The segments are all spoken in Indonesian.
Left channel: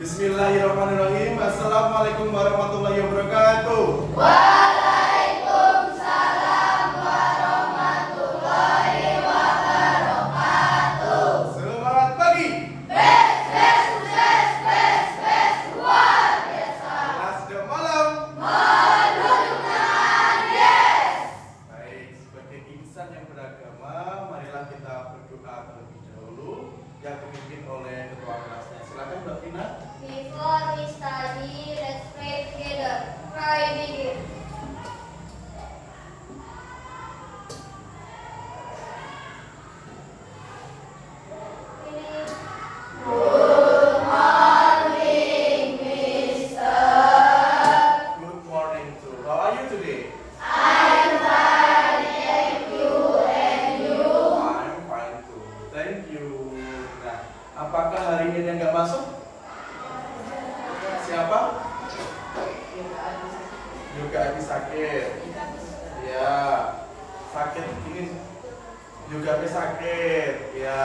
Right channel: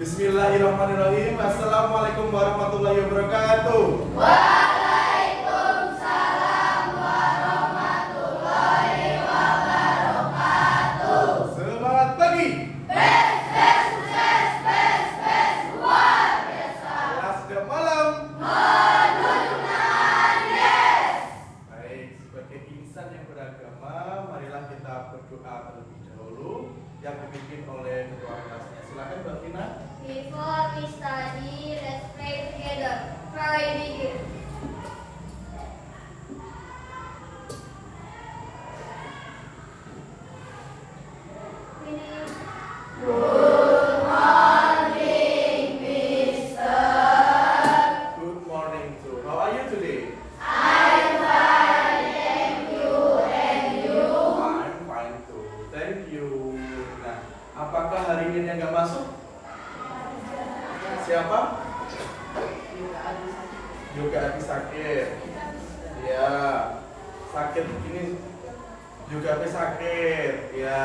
Bismillahirrahmanirrahim. Assalamualaikum warahmatullahi wabarakatuh. Waalaikumsalam warahmatullahi wabarakatuh. Semangat pagi. Best, luar biasa. Kelas dan malam. Menunjukkan yes. Baik, sebagai insan yang beragama, marilah kita berdoa terlebih dahulu yang dipimpin oleh ketua kelasnya. Silakan Mbak Vina. Before we study, let's pray together. Pray begin. Good morning too. How are you today? I'm fine, thank you, and you? I'm fine too. Thank you. Nah, apakah hari ini yang nggak masuk? Siapa? Yoga Adi sakit. Ya, sakit ini juga Adi sakit. Ya,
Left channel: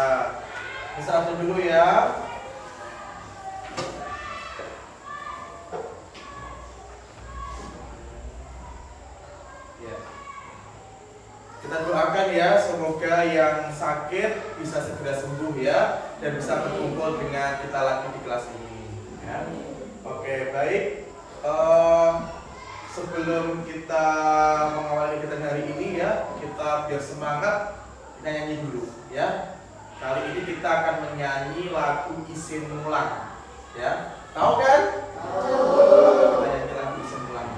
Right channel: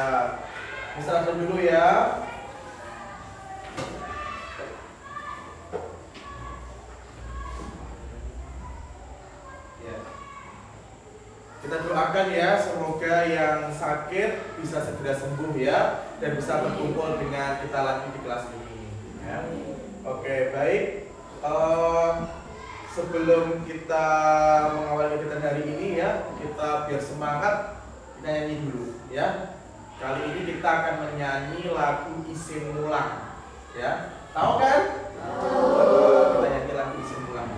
istirahat dulu ya. Ya. Kita doakan ya, semoga yang sakit bisa segera sembuh ya, dan bisa berkumpul dengan kita lagi di kelas ini. Ya. Oke, baik. Sebelum kita mengawali kegiatan hari ini ya, kita biar semangat, kita nyanyi dulu ya. Kali ini kita akan menyanyi lagu Isin Mulang ya. Tahu kan? Kita nyanyi lagu Isin Mulang.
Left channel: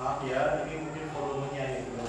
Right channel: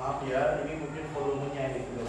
Maaf ya, ini mungkin volumenya ini belum.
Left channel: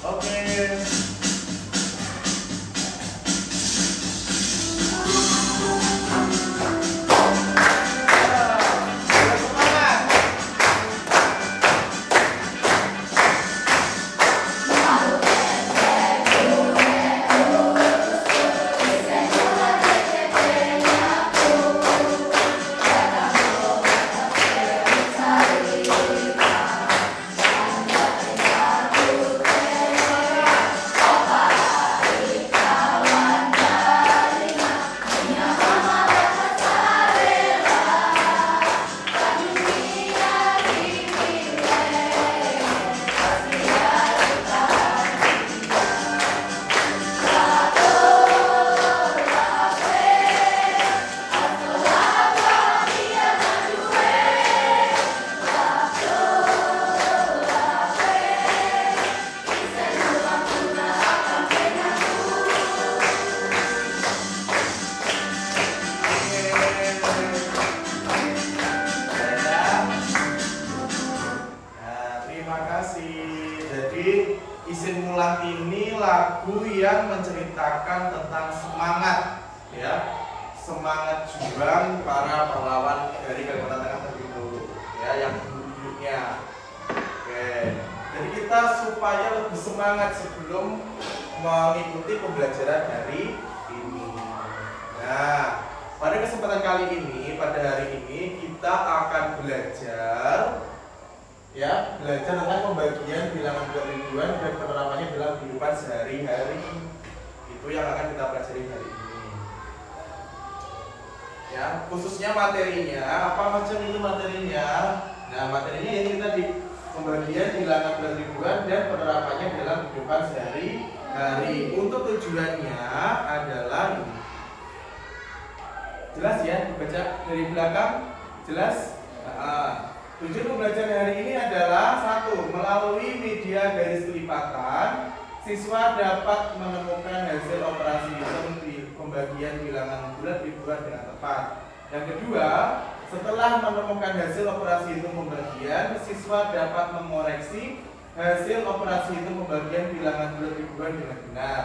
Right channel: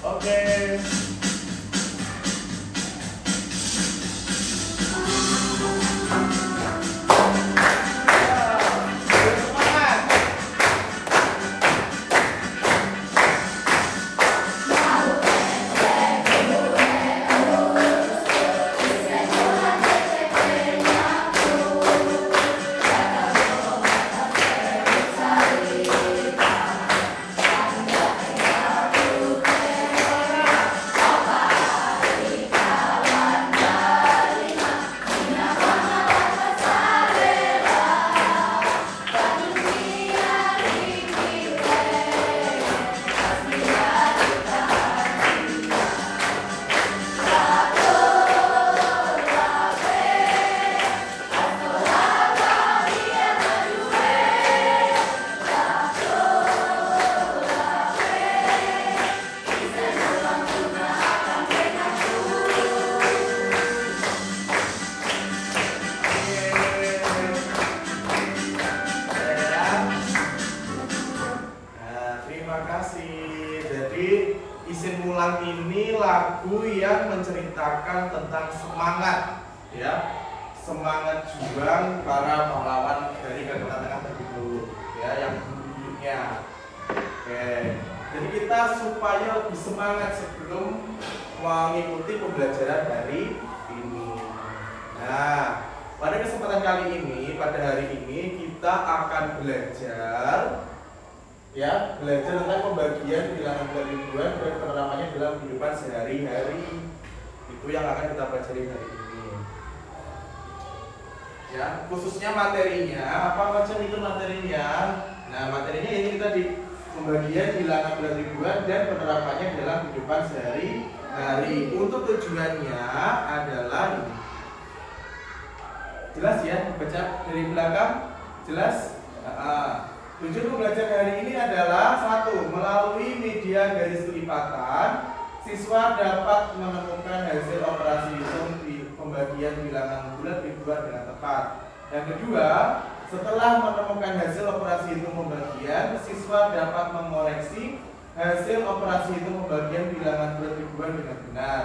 Oke. Isin Mulang ini lagu yang menceritakan tentang semangat ya, semangat juang para pahlawan dari Kalimantan Tengah terdahulu ya, yang dulunya. Oke, jadi kita supaya lebih semangat sebelum mengikuti pembelajaran hari ini. Nah, pada kesempatan kali ini, pada hari ini kita akan belajar ya, belajar tentang pembagian bilangan bulan ribuan dan penerapannya dalam kehidupan sehari-hari. Itu yang akan kita pelajari hari ini. Ya, khususnya materinya, apa macam itu materinya? Nah, materinya yang kita di pembagian bilangan bulan ribuan dan penerapannya dalam kehidupan sehari-hari. Untuk tujuannya adalah ini. Jelas ya, dibaca dari belakang? Jelas? Tujuan pembelajaran hari ini adalah satu, melalui media garis kelipatan, siswa dapat menemukan hasil operasi hitung di pembagian bilangan bulan ribuan dengan tepat. Yang kedua, setelah menemukan hasil operasi hitung pembagian, siswa dapat mengoreksi hasil operasi hitung pembagian bilangan bulan ribuan dengan benar.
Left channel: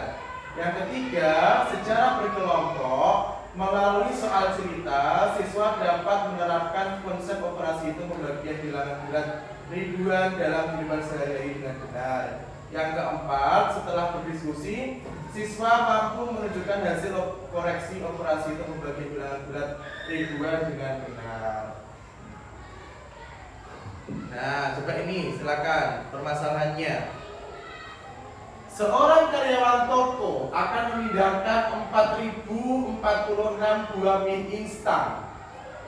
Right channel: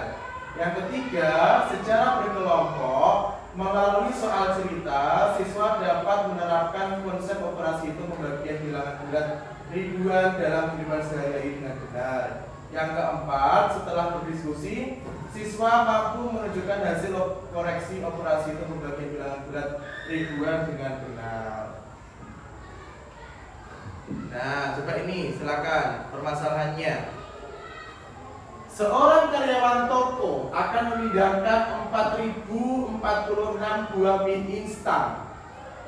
Yang ketiga, secara berkelompok, melalui soal cerita, siswa dapat menerapkan konsep operasi hitung pembagian bilangan bulan ribuan dalam kehidupan sehari-hari dengan benar. Yang keempat, setelah berdiskusi, siswa mampu menunjukkan hasil koreksi operasi hitung pembagian bilangan bulan ribuan dengan benar. Nah, coba ini silakan permasalahannya. Seorang karyawan toko akan memindahkan 4.046 buah mie instan.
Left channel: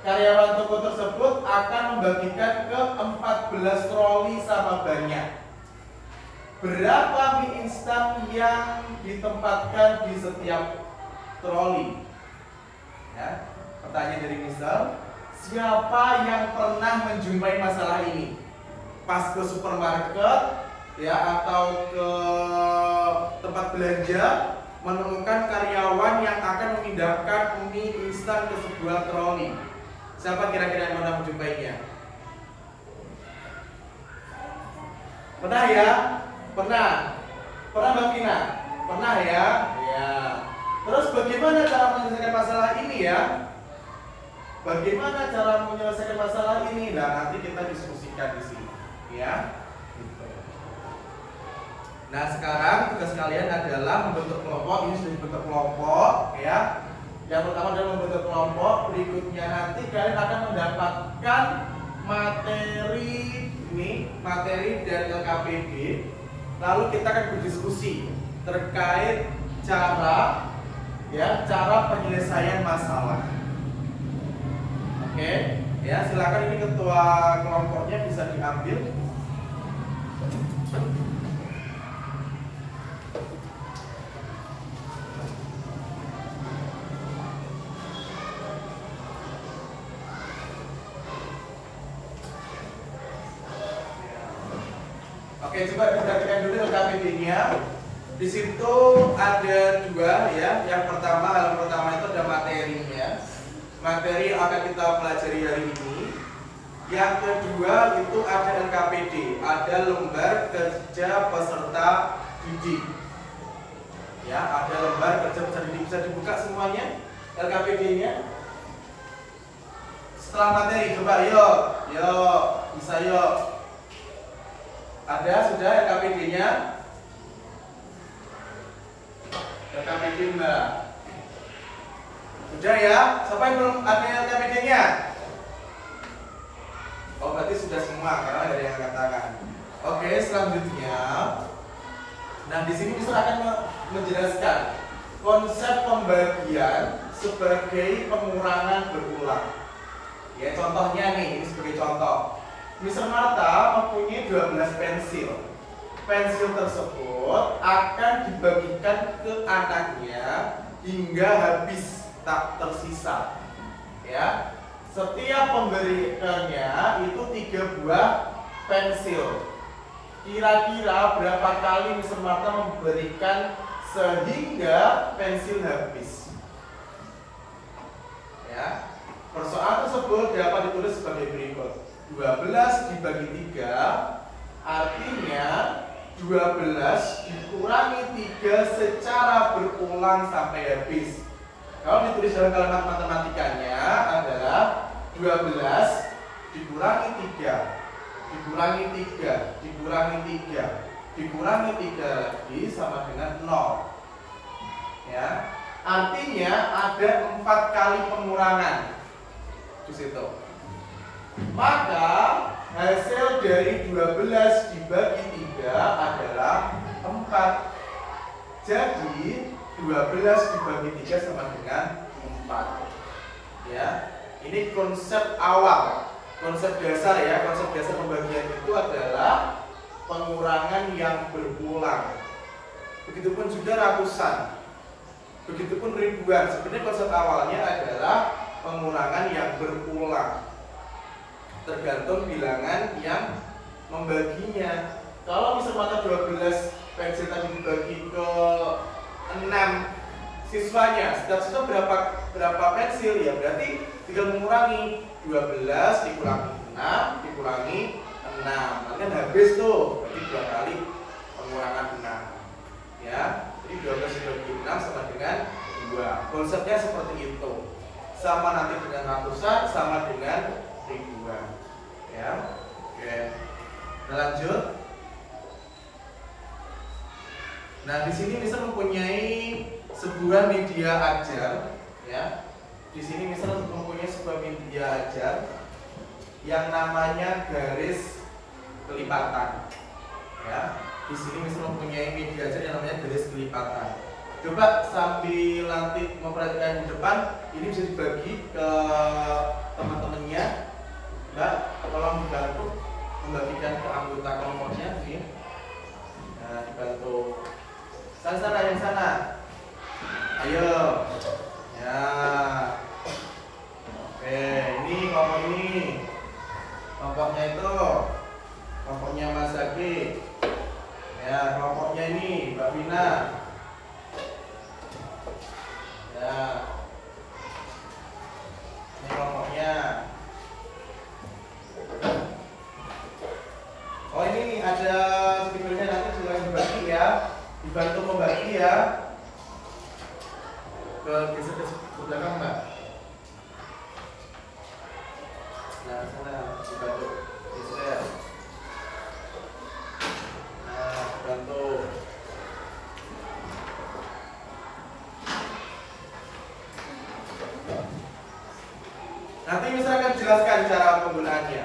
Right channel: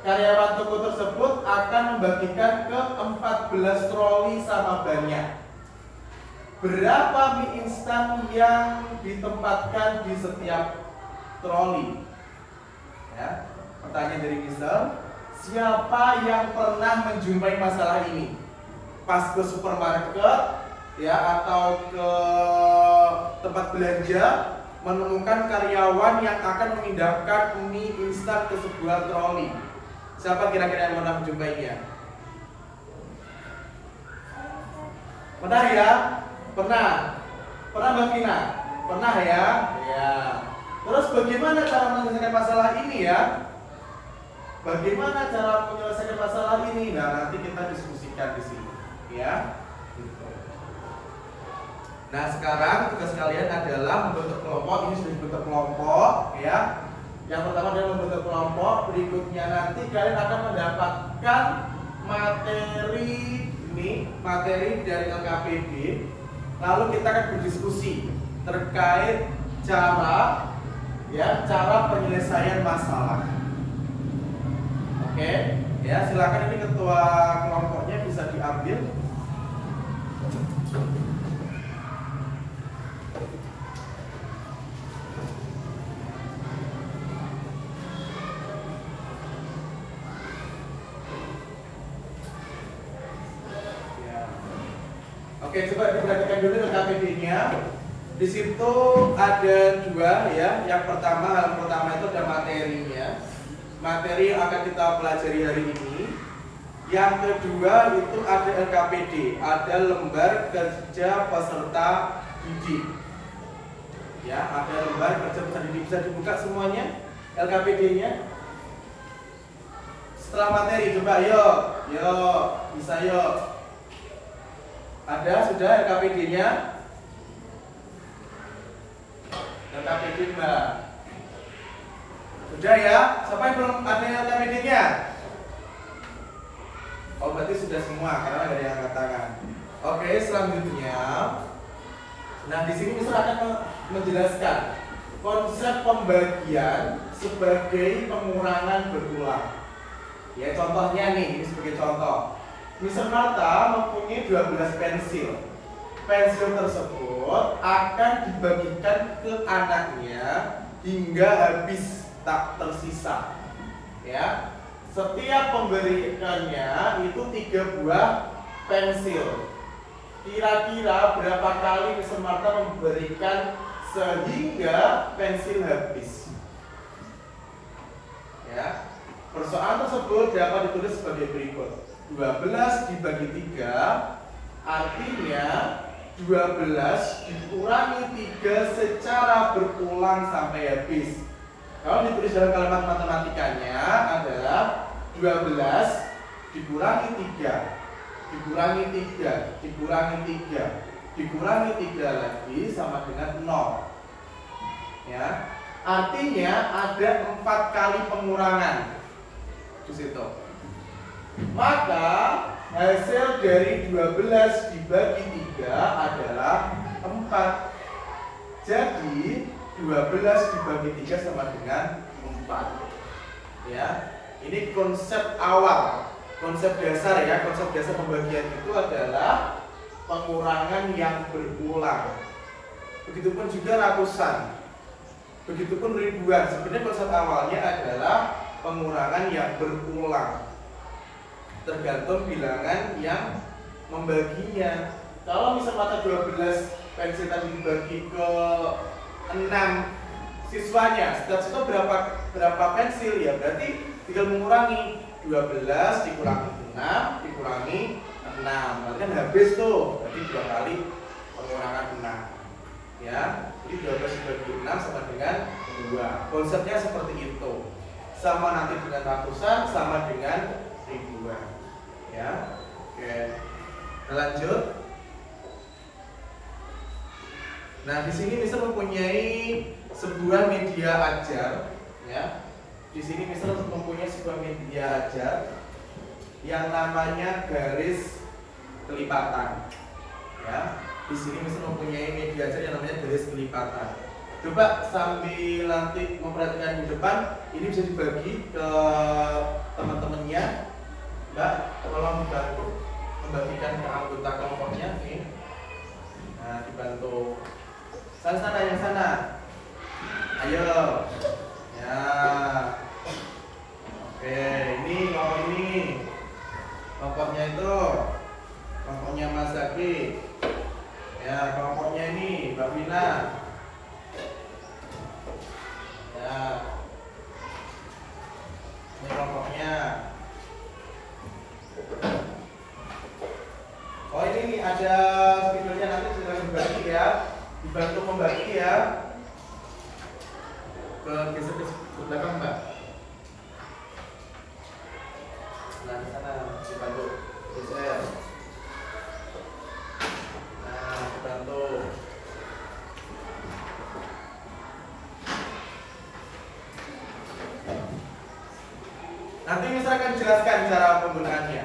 Karyawan toko tersebut akan membagikan ke 14 troli sama banyak. Berapa mie instan yang ditempatkan di setiap troli? Ya, pertanyaan dari misal, siapa yang pernah menjumpai masalah ini? Pas ke supermarket, ya, atau ke tempat belanja, menemukan karyawan yang akan memindahkan mie instan ke sebuah troli. Siapa kira-kira yang pernah menjumpainya? Pernah ya? Pernah? Pernah Mbak Vina? Pernah ya? Ya. Terus bagaimana cara menyelesaikan masalah ini ya? Bagaimana cara menyelesaikan masalah ini? Nah, nanti kita diskusikan di sini, ya. Nah, sekarang tugas kalian adalah membentuk kelompok. Ini sudah dibentuk kelompok, ya. Yang pertama adalah membentuk kelompok. Berikutnya nanti kalian akan mendapatkan materi ini, materi dari LKPD. Lalu kita akan berdiskusi terkait cara, ya, cara penyelesaian masalah. Oke, ya, silakan ini ketua kelompoknya bisa diambil. Oke, coba diperhatikan dulu LKPD-nya. Di situ ada dua, ya. Yang pertama, halaman pertama itu ada materinya. Materi yang akan kita pelajari hari ini. Yang kedua itu ada LKPD, ada lembar kerja peserta didik. Ya, ada lembar kerja peserta didik. Bisa dibuka semuanya LKPD-nya. Setelah materi, coba yuk, bisa yuk. Ada sudah LKPD-nya? LKPD Mbak. Sudah ya? Siapa yang belum ada LKPD-nya? Oh, berarti sudah semua karena nggak ada yang angkat tangan. Oke, selanjutnya. Nah, di sini bisa akan menjelaskan konsep pembagian sebagai pengurangan berulang. Ya, contohnya nih, ini sebagai contoh. Mr. Marta mempunyai 12 pensil. Pensil tersebut akan dibagikan ke anaknya hingga habis, tak tersisa. Ya, setiap pemberiannya itu 3 buah pensil. Kira-kira berapa kali Mr. Marta memberikan sehingga pensil habis? Ya, persoalan tersebut dapat ditulis sebagai berikut. 12 dibagi 3 artinya 12 dikurangi 3 secara berulang sampai habis. Kalau ditulis dalam kalimat matematikanya adalah 12 dikurangi 3 dikurangi 3 dikurangi 3 dikurangi 3 lagi sama dengan 0. Ya, artinya ada 4 kali pengurangan di situ. Maka hasil dari 12 dibagi 3 adalah 4. Jadi 12 dibagi 3 sama dengan 4. Ya, ini konsep awal, konsep dasar ya. Konsep dasar pembagian itu adalah pengurangan yang berulang. Begitupun juga ratusan, begitupun ribuan. Sebenarnya konsep awalnya adalah pengurangan yang berulang, tergantung bilangan yang membaginya. Kalau misal mata 12 pensil tadi dibagi ke 6 siswanya, setiap siswa berapa pensil ya, berarti tinggal mengurangi 12 dikurangi 6 dikurangi 6, berarti kan habis tuh, berarti 2 kali pengurangan 6 ya. Jadi 12 dibagi 6 sama dengan 2. Konsepnya seperti itu, sama nanti dengan ratusan, sama dengan ribuan ya. Oke, kita lanjut. Nah, di sini misal mempunyai sebuah media ajar ya. Di sini misal mempunyai sebuah media ajar yang namanya garis kelipatan ya. Di sini misal mempunyai media ajar yang namanya garis kelipatan. Coba sambil nanti memperhatikan di depan, ini bisa dibagi ke teman-temannya. Mbak, tolong dibantu membagikan ke anggota kelompoknya ini. Nah, dibantu. Sana yang sana. Ayo. Ya. Oke, ini kelompok ini. Kelompoknya itu kelompoknya Mas Zaki. Ya, kelompoknya ini Mbak Wina. Ya. Ini kelompoknya. Oh, ini nih ada spidolnya, nanti silakan bagi ya. Dibantu membagi ya. Geser ke belakang Mbak. Nah, ke sana dibantu geser. Nah, dibantu. Nanti misalkan jelaskan cara penggunaannya.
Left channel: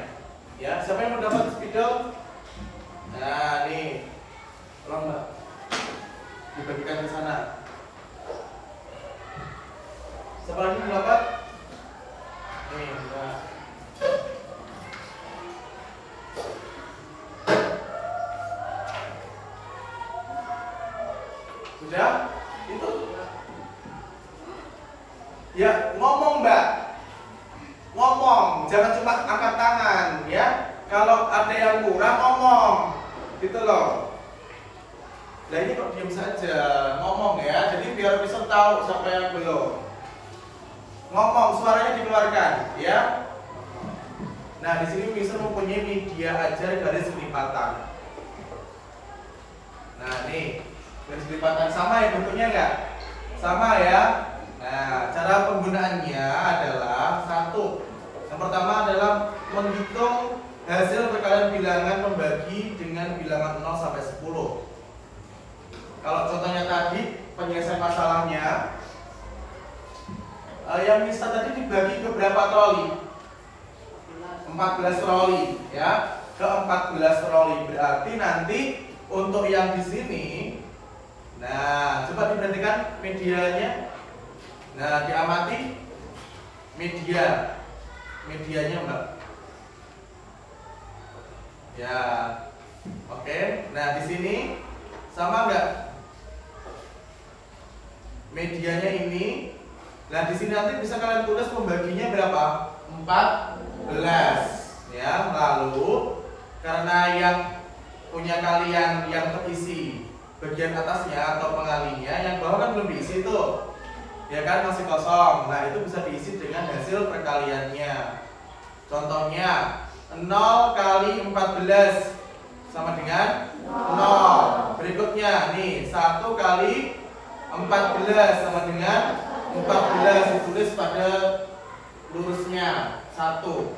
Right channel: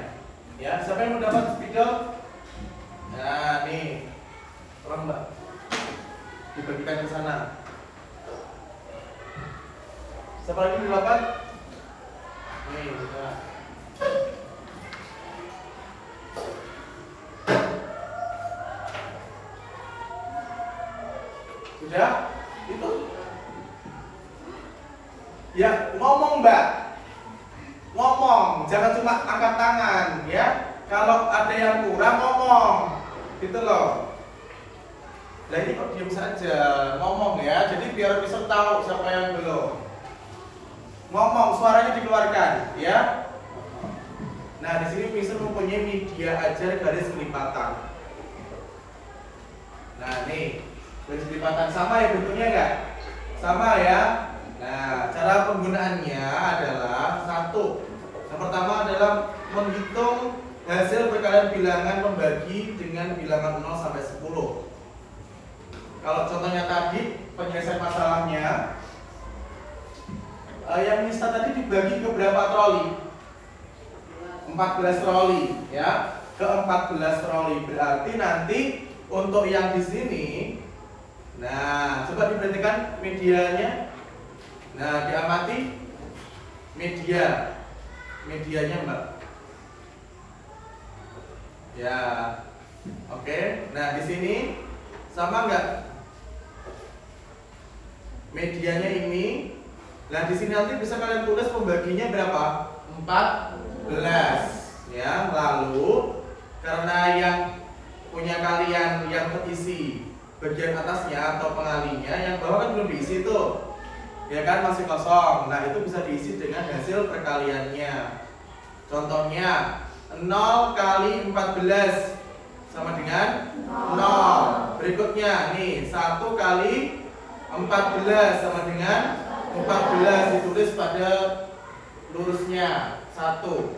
Ya, siapa yang mendapat spidol? Nah, nih. Tolong Mbak. Dibagikan ke sana. Siapa lagi yang dapat? Nih, ya. Sudah? Itu? Ya, ngomong Mbak. Ngomong, jangan cuma angkat tangan ya. Kalau ada yang kurang ngomong. Gitu loh. Nah, ini kok diam saja, ngomong ya. Jadi biar bisa tahu siapa yang belum. Ngomong, suaranya dikeluarkan, ya. Nah, di sini misal mempunyai media ajar garis kelipatan. Nah, nih garis kelipatan sama ya bentuknya nggak? Sama ya. Nah, cara penggunaannya adalah satu. Yang pertama adalah menghitung hasil perkalian bilangan membagi dengan bilangan 0 sampai 10. Kalau contohnya tadi penyelesaian masalahnya, yang misal tadi dibagi ke berapa troli? 14 troli, ya, ke 14 troli. Berarti nanti untuk yang di sini, nah, coba diperhatikan medianya. Nah, diamati medianya Mbak. Ya, oke. Nah, di sini sama nggak? Medianya ini. Nah, di sini nanti bisa kalian tulis pembaginya berapa? 14. Ya, lalu karena yang punya kalian yang terisi bagian atasnya atau pengalinya, yang bawah kan belum diisi tuh. Ya kan, masih kosong. Nah, itu bisa diisi dengan hasil perkaliannya. Contohnya 0 kali 14 sama dengan 0. Berikutnya nih 1 kali 14 sama dengan 14, ditulis pada lurusnya 1.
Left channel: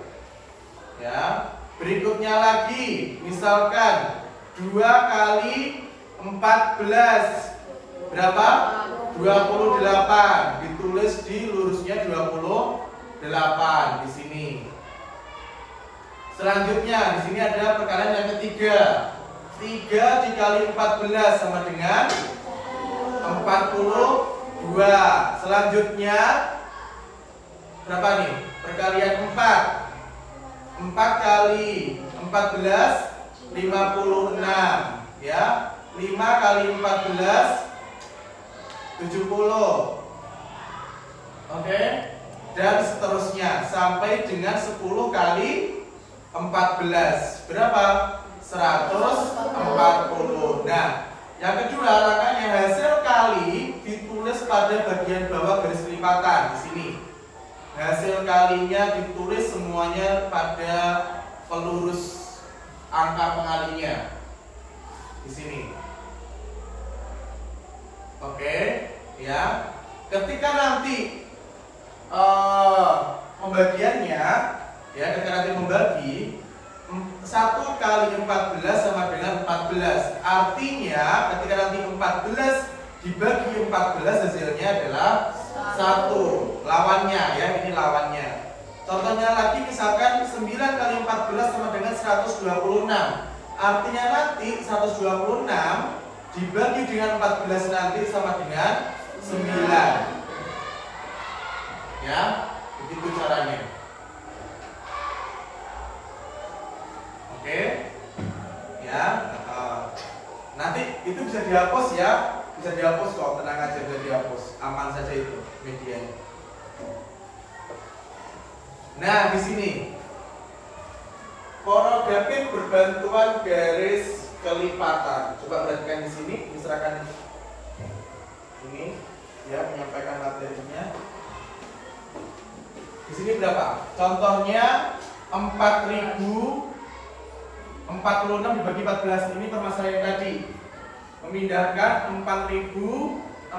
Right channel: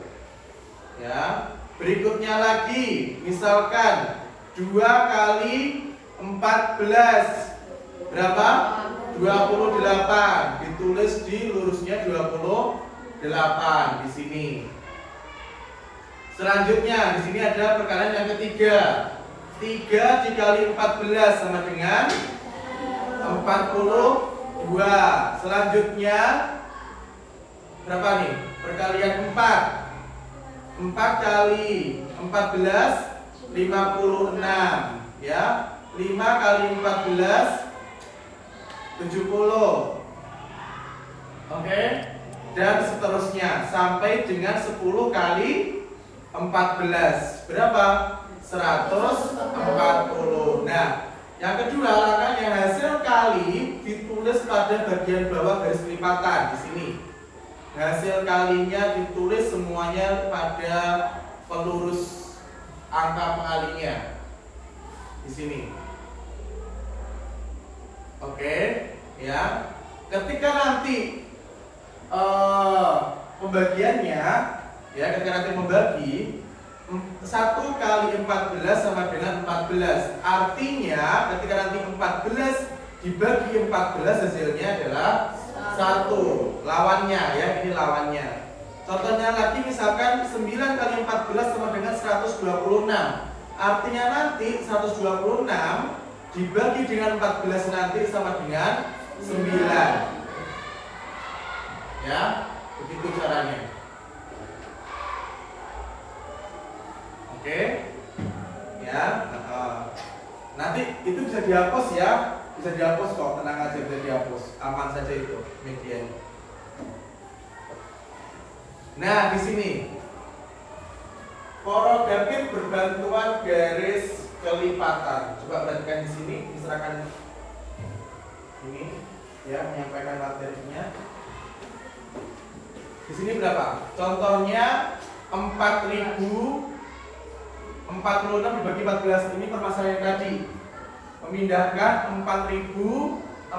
Ya. Berikutnya lagi, misalkan 2 kali 14 berapa? 28, ditulis di lurusnya 28 di sini. Selanjutnya di sini ada perkalian yang ketiga. 3 dikali 14 sama dengan 40 2. Selanjutnya berapa nih? Perkalian 4. 4 kali 14 56 ya. 5 kali 14 70. Oke. Dan seterusnya sampai dengan 10 kali 14 berapa? 140. Nah, yang kedua langkahnya hasil kali ditulis pada bagian bawah garis lipatan di sini. Hasil kalinya ditulis semuanya pada pelurus angka pengalinya di sini. Oke, ya. Ketika nanti pembagiannya, ya, ketika nanti membagi 1 kali 14 sama dengan 14. Artinya ketika nanti 14 dibagi 14 hasilnya adalah 1. Lawannya, ya, ini lawannya. Contohnya lagi misalkan 9 kali 14 sama dengan 126. Artinya nanti 126 dibagi dengan 14 nanti sama dengan 9. Ya, begitu caranya. Oke, ya. Nanti itu bisa dihapus ya, bisa dihapus kok, tenang aja, bisa dihapus, aman saja itu medianya. Nah, di sini koreografi berbantuan garis kelipatan. Coba perhatikan di sini, misalkan ini ya menyampaikan materinya. Di sini berapa? Contohnya 4000 46 dibagi 14 ini permasalahan tadi. Memindahkan 4046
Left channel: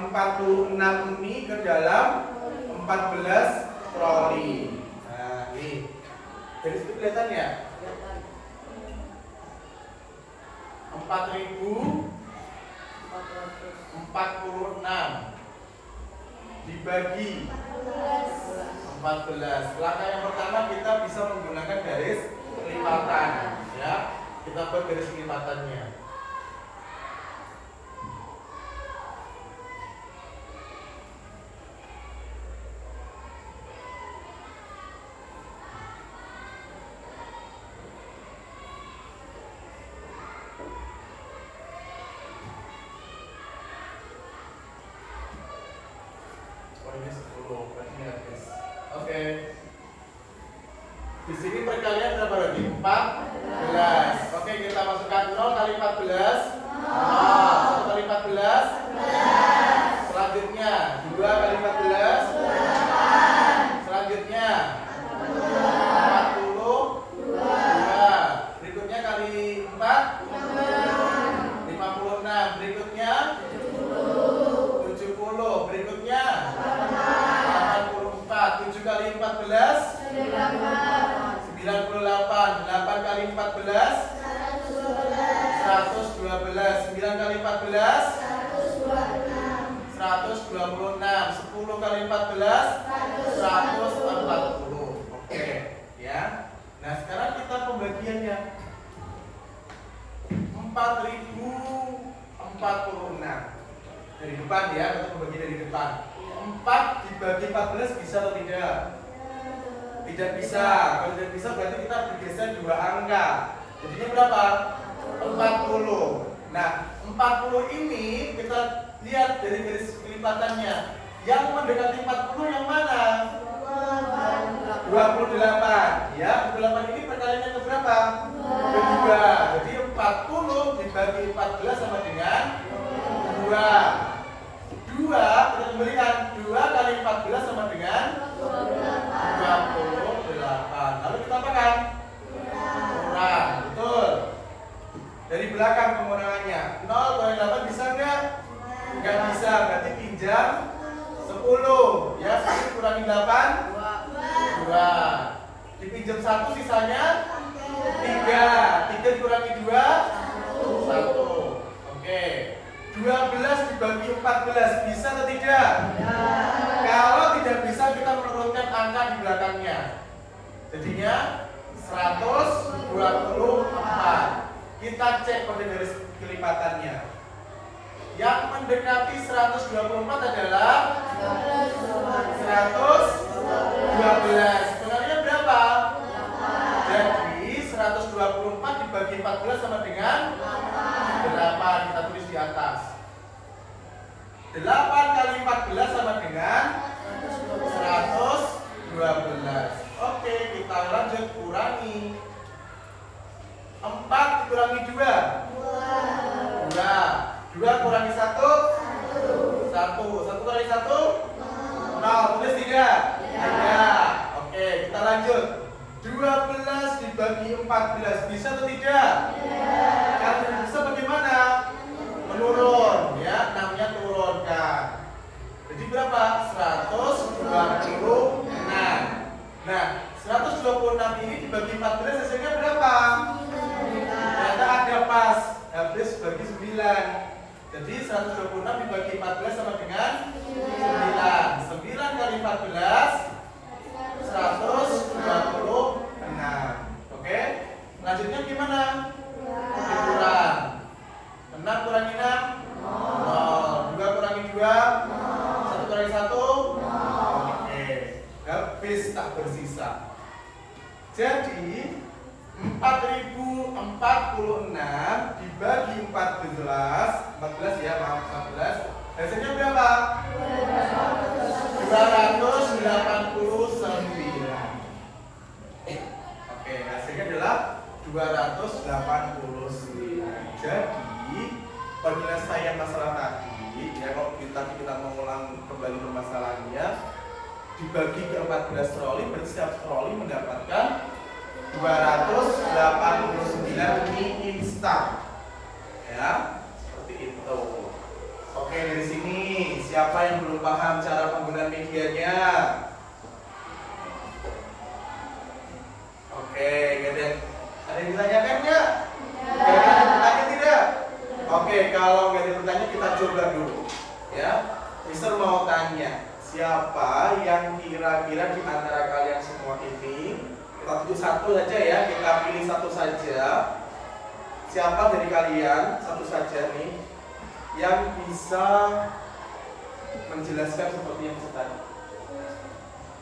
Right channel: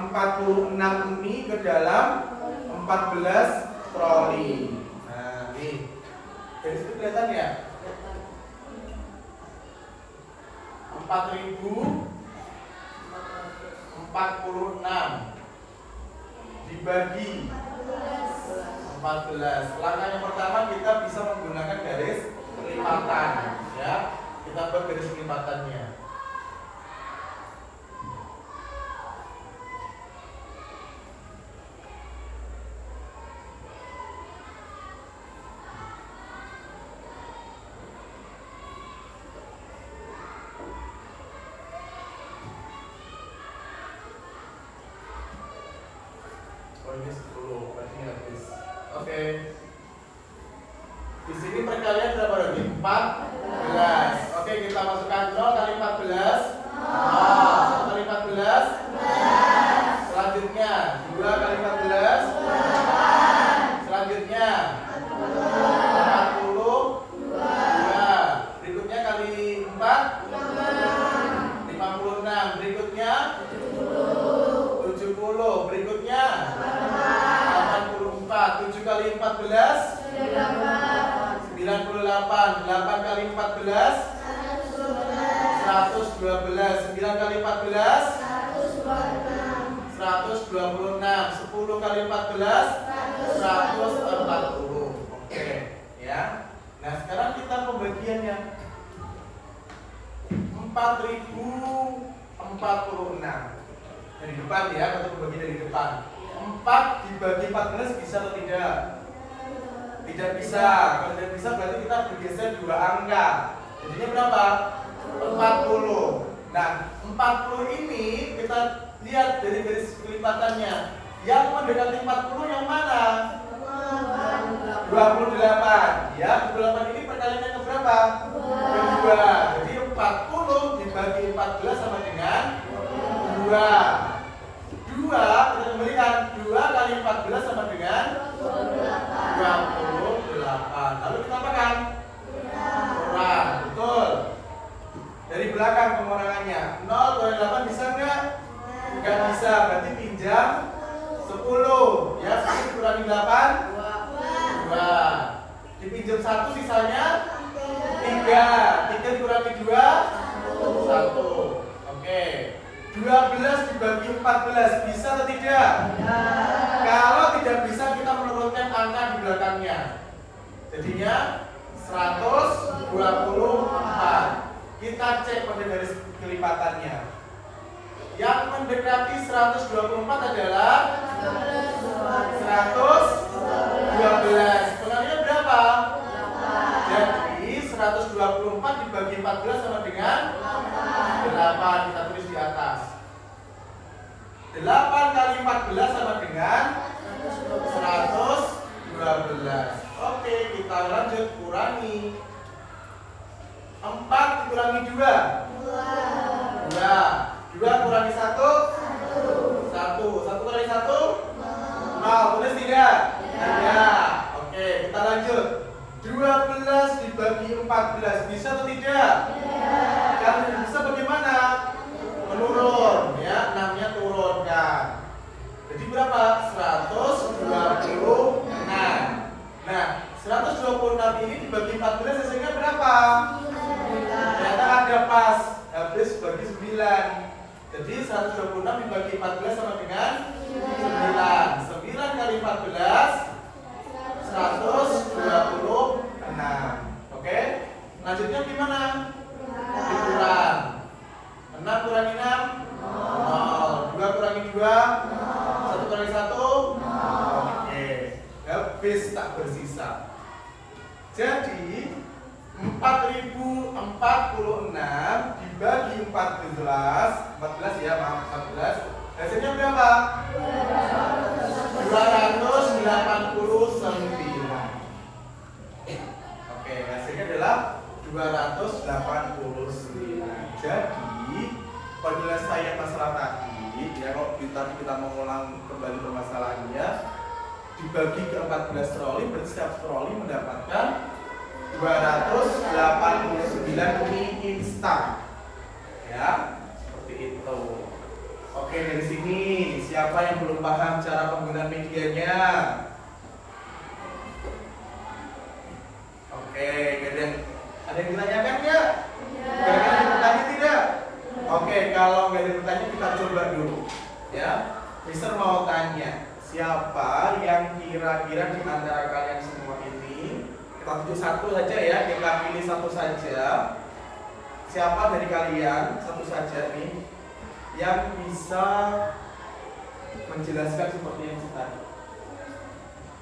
ini ke dalam 14 troli. Nah, nih. Dari situ kelihatan ya? 4046 dibagi 14. Langkah yang pertama kita bisa menggunakan garis kelipatan, ya. Kita buat garis kelipatannya. Oh, ini 10, berarti habis. Oke. Di sini perkalian berapa lagi? 14. Oke, kita masukkan 0 kali 14. 1 kali 14. Selanjutnya 2 kali 14. Selanjutnya 40. Berikutnya kali 4. 56. Berikutnya 70. Berikutnya 84. 7 kali 14. 98. 8 kali 14. 112. 9 kali 14. 126. 10 kali 14. 140. Oke, ya. Nah, sekarang kita pembagiannya. 4046 dari depan ya, kita membagi dari depan. 4 dibagi 14 bisa atau tidak? Tidak bisa. Kalau tidak bisa berarti kita bergeser 2 angka. Jadinya berapa? 40. Nah, 40 ini kita lihat dari garis kelipatannya. Yang mendekati 40 yang mana? 28. Ya, 28 ini perkaliannya ke berapa? Kedua. Jadi 40 dibagi 14 sama dengan 2. 2 kita kembalikan. 2 kali 14 sama dengan 28. Lalu kita apakan? Kurang. Betul. Dari belakang pengurangannya. 0 kali 8 bisa enggak? Enggak bisa. Berarti pinjam 10. Ya, 10 kurangi 8. 2. Dipinjam 1 sisanya 3. 3 kurangi 2. 1. Oke. 12 dibagi 14 bisa atau tidak? Kalau tidak bisa kita menurunkan angka di belakangnya. Jadinya 124. Kita cek pada garis kelipatannya. Yang mendekati 124 adalah 112. Pengertiannya berapa? Jadi 124 dibagi 14 sama dengan 8. Kita tulis di atas. 8 kali 14 sama dengan 112. Oke, kita lanjut kurangi. 4 dikurangi 2. 2 kurangi 1. 1 kurangi 1. 0. Tulis tidak? Ada. Oke, kita lanjut. 12 dibagi 14 bisa atau tidak? Kalau tidak bisa bagaimana? Menurun, ya, 6-nya turunkan. Jadi berapa? 126. Nah, 126 ini dibagi 14 hasilnya berapa? Ternyata ada pas, habis bagi 9. Jadi 126 dibagi 14 sama dengan 9. 9 kali 14 126. Oke? Lanjutnya gimana? Dikurang. 6 kurangi 6 0. 2 kurangi 2 1 kurangi 1 Oke. Habis tak bersisa. Jadi 4046 dibagi 14 ya, maaf 14. Hasilnya berapa? 289. Oke, hasilnya adalah 289. Jadi penyelesaian masalah tadi, ya, kalau kita mengulang kembali permasalahannya, dibagi ke 14 troli, berarti setiap troli mendapatkan 289 mie instan. Ya, seperti itu. Oke, dari sini siapa yang belum paham cara penggunaan medianya? Oke, ada yang ditanyakan nggak? Kira-kira ada pertanyaan tidak? Oke, kalau nggak ada pertanyaan kita coba dulu. Ya, Mister mau tanya, siapa yang kira-kira di antara kalian semua ini, kita tunjuk satu saja ya, kita pilih satu saja. Siapa dari kalian satu saja nih yang bisa menjelaskan seperti yang tadi?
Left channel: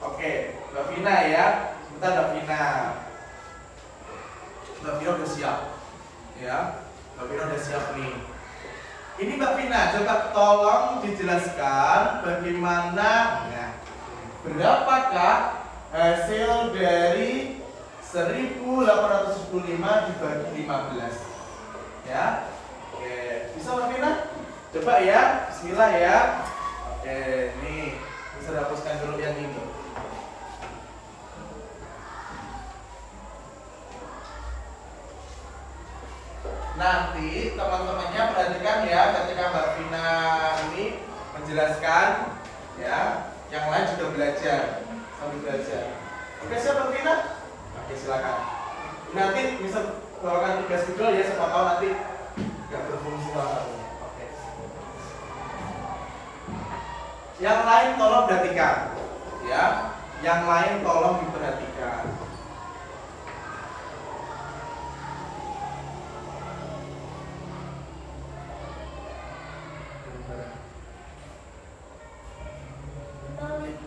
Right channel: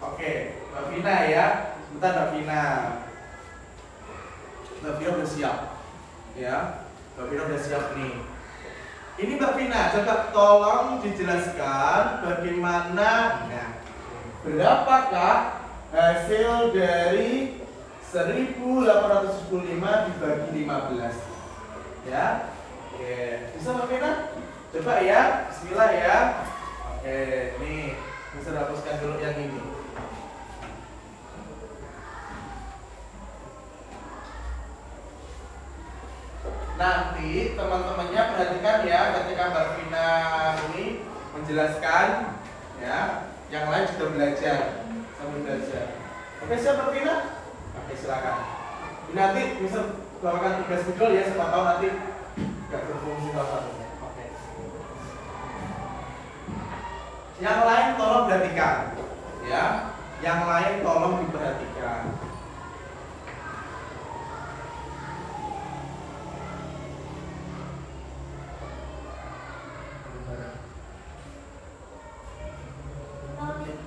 Oke, Mbak Vina ya, kita Mbak Vina. Mbak Vina udah siap, ya. Mbak Vina udah siap nih. Ini Mbak Vina, coba tolong dijelaskan bagaimana, nah, berapakah hasil dari 1875 dibagi 15? Ya, oke, bisa Mbak Vina? Coba ya, bismillah ya. Oke, nih, bisa hapuskan dulu yang ini. Nanti teman-temannya perhatikan ya, ketika Mbak Vina ini menjelaskan, ya, yang lain juga belajar sambil belajar. Oke, siap Mbak Vina? Oke, silakan. Nanti bisa bawakan tugas video ya, siapa tahu nanti nggak berfungsi salah satunya. Oke. Yang lain tolong perhatikan, ya. Yang lain tolong diperhatikan.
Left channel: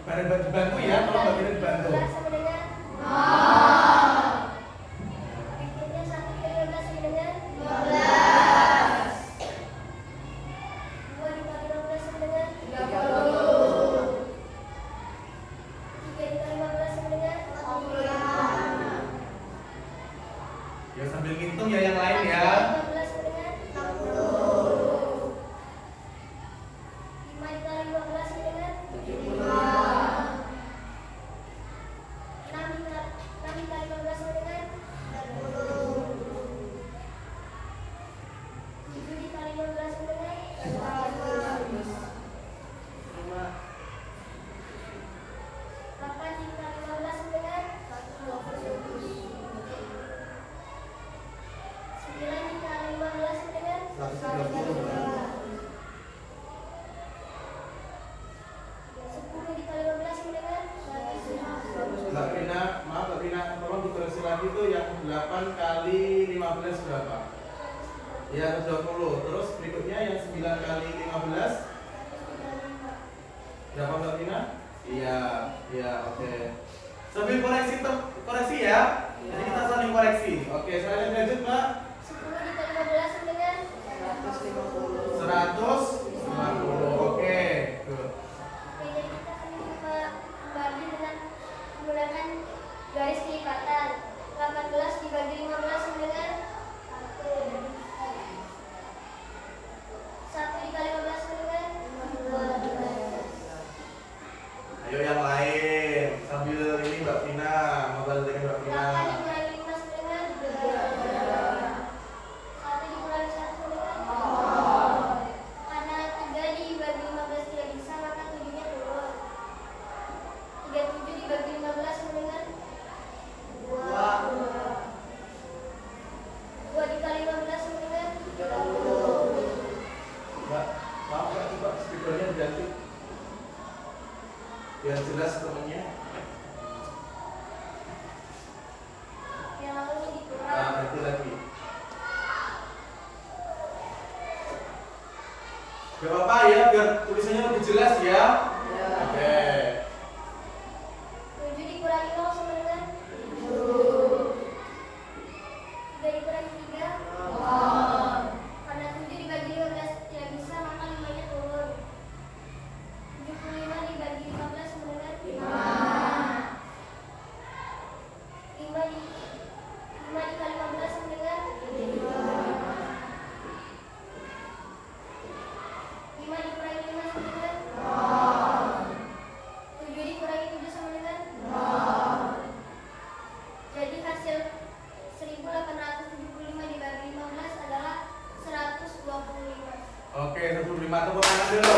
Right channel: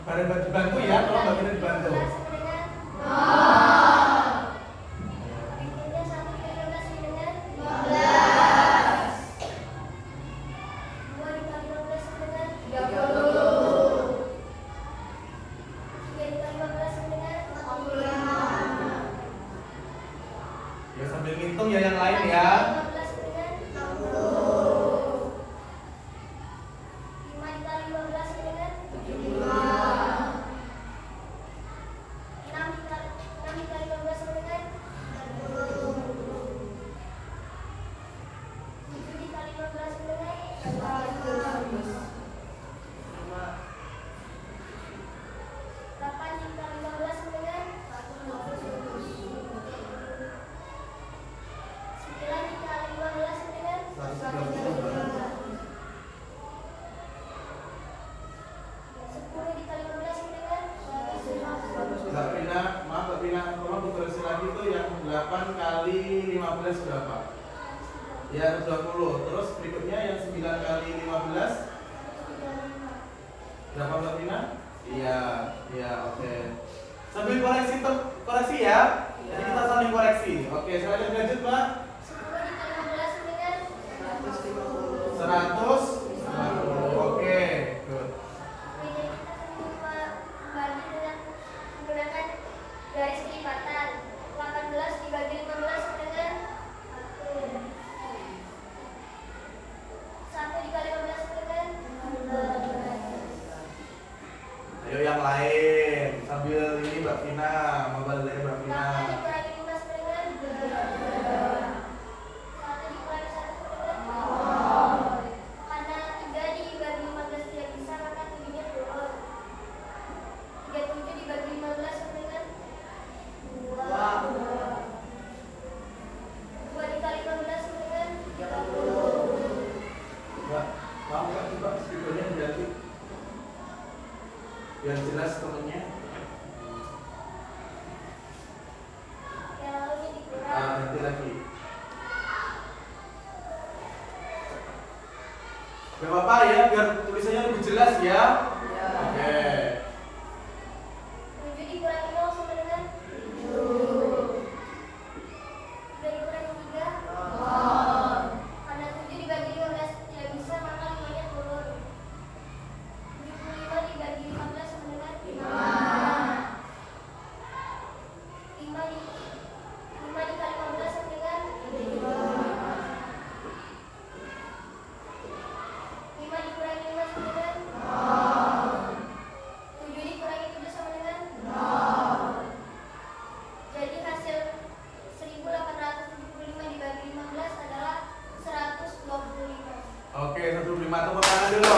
Bareng dibantu ya, tolong bagian dibantu. Ya sambil ngitung ya yang lain ya. Mbak Vina, tolong dikoreksi lagi tuh yang 8 kali 15 berapa? Ya, 20. Terus berikutnya yang 9 kali 15? Sudah paham Mbak Tina? Iya, iya, oke. Sambil koreksi ya. Jadi kita saling koreksi. Oke, saya lanjut Mbak. 10 dikali 15 sama dengan 150. Oke, good. jadi kita bagi dengan menggunakan garis kelipatan. 18 dibagi 15 sama dengan 1 dikali 15 sama dengan 12. Ayo yang lain. Sambil ini Mbak Vina, membantu ini Mbak Vina. 8 dikurangi 5 sama dengan 2. 1 dikurangi 1 sama dengan 0. Karena 3 dibagi 15 tidak bisa, maka 7-nya turun. 37 dibagi 15 sama dengan 2. 2 dikali 15 sama dengan 30. Mbak, mau nggak coba speakernya diganti? Biar jelas temennya. Yang lalu dikurang. Nanti lagi. Gak apa-apa ya, biar tulisannya lebih jelas ya. Oke. 7 dikurangi 0 sama dengan 7. 3 dikurangi 3 karena 7 dibagi 15 tidak bisa, maka 5-nya turun. 75 dibagi 15 sama dengan 5. 5 dikali 15 sama dengan 3. 5 dikurangi 5 sama dengan 7 dikurangi 7 sama dengan 0. Jadi hasil 1875 dibagi 15 adalah 125. Oke, 125 tepuk tangan dulu.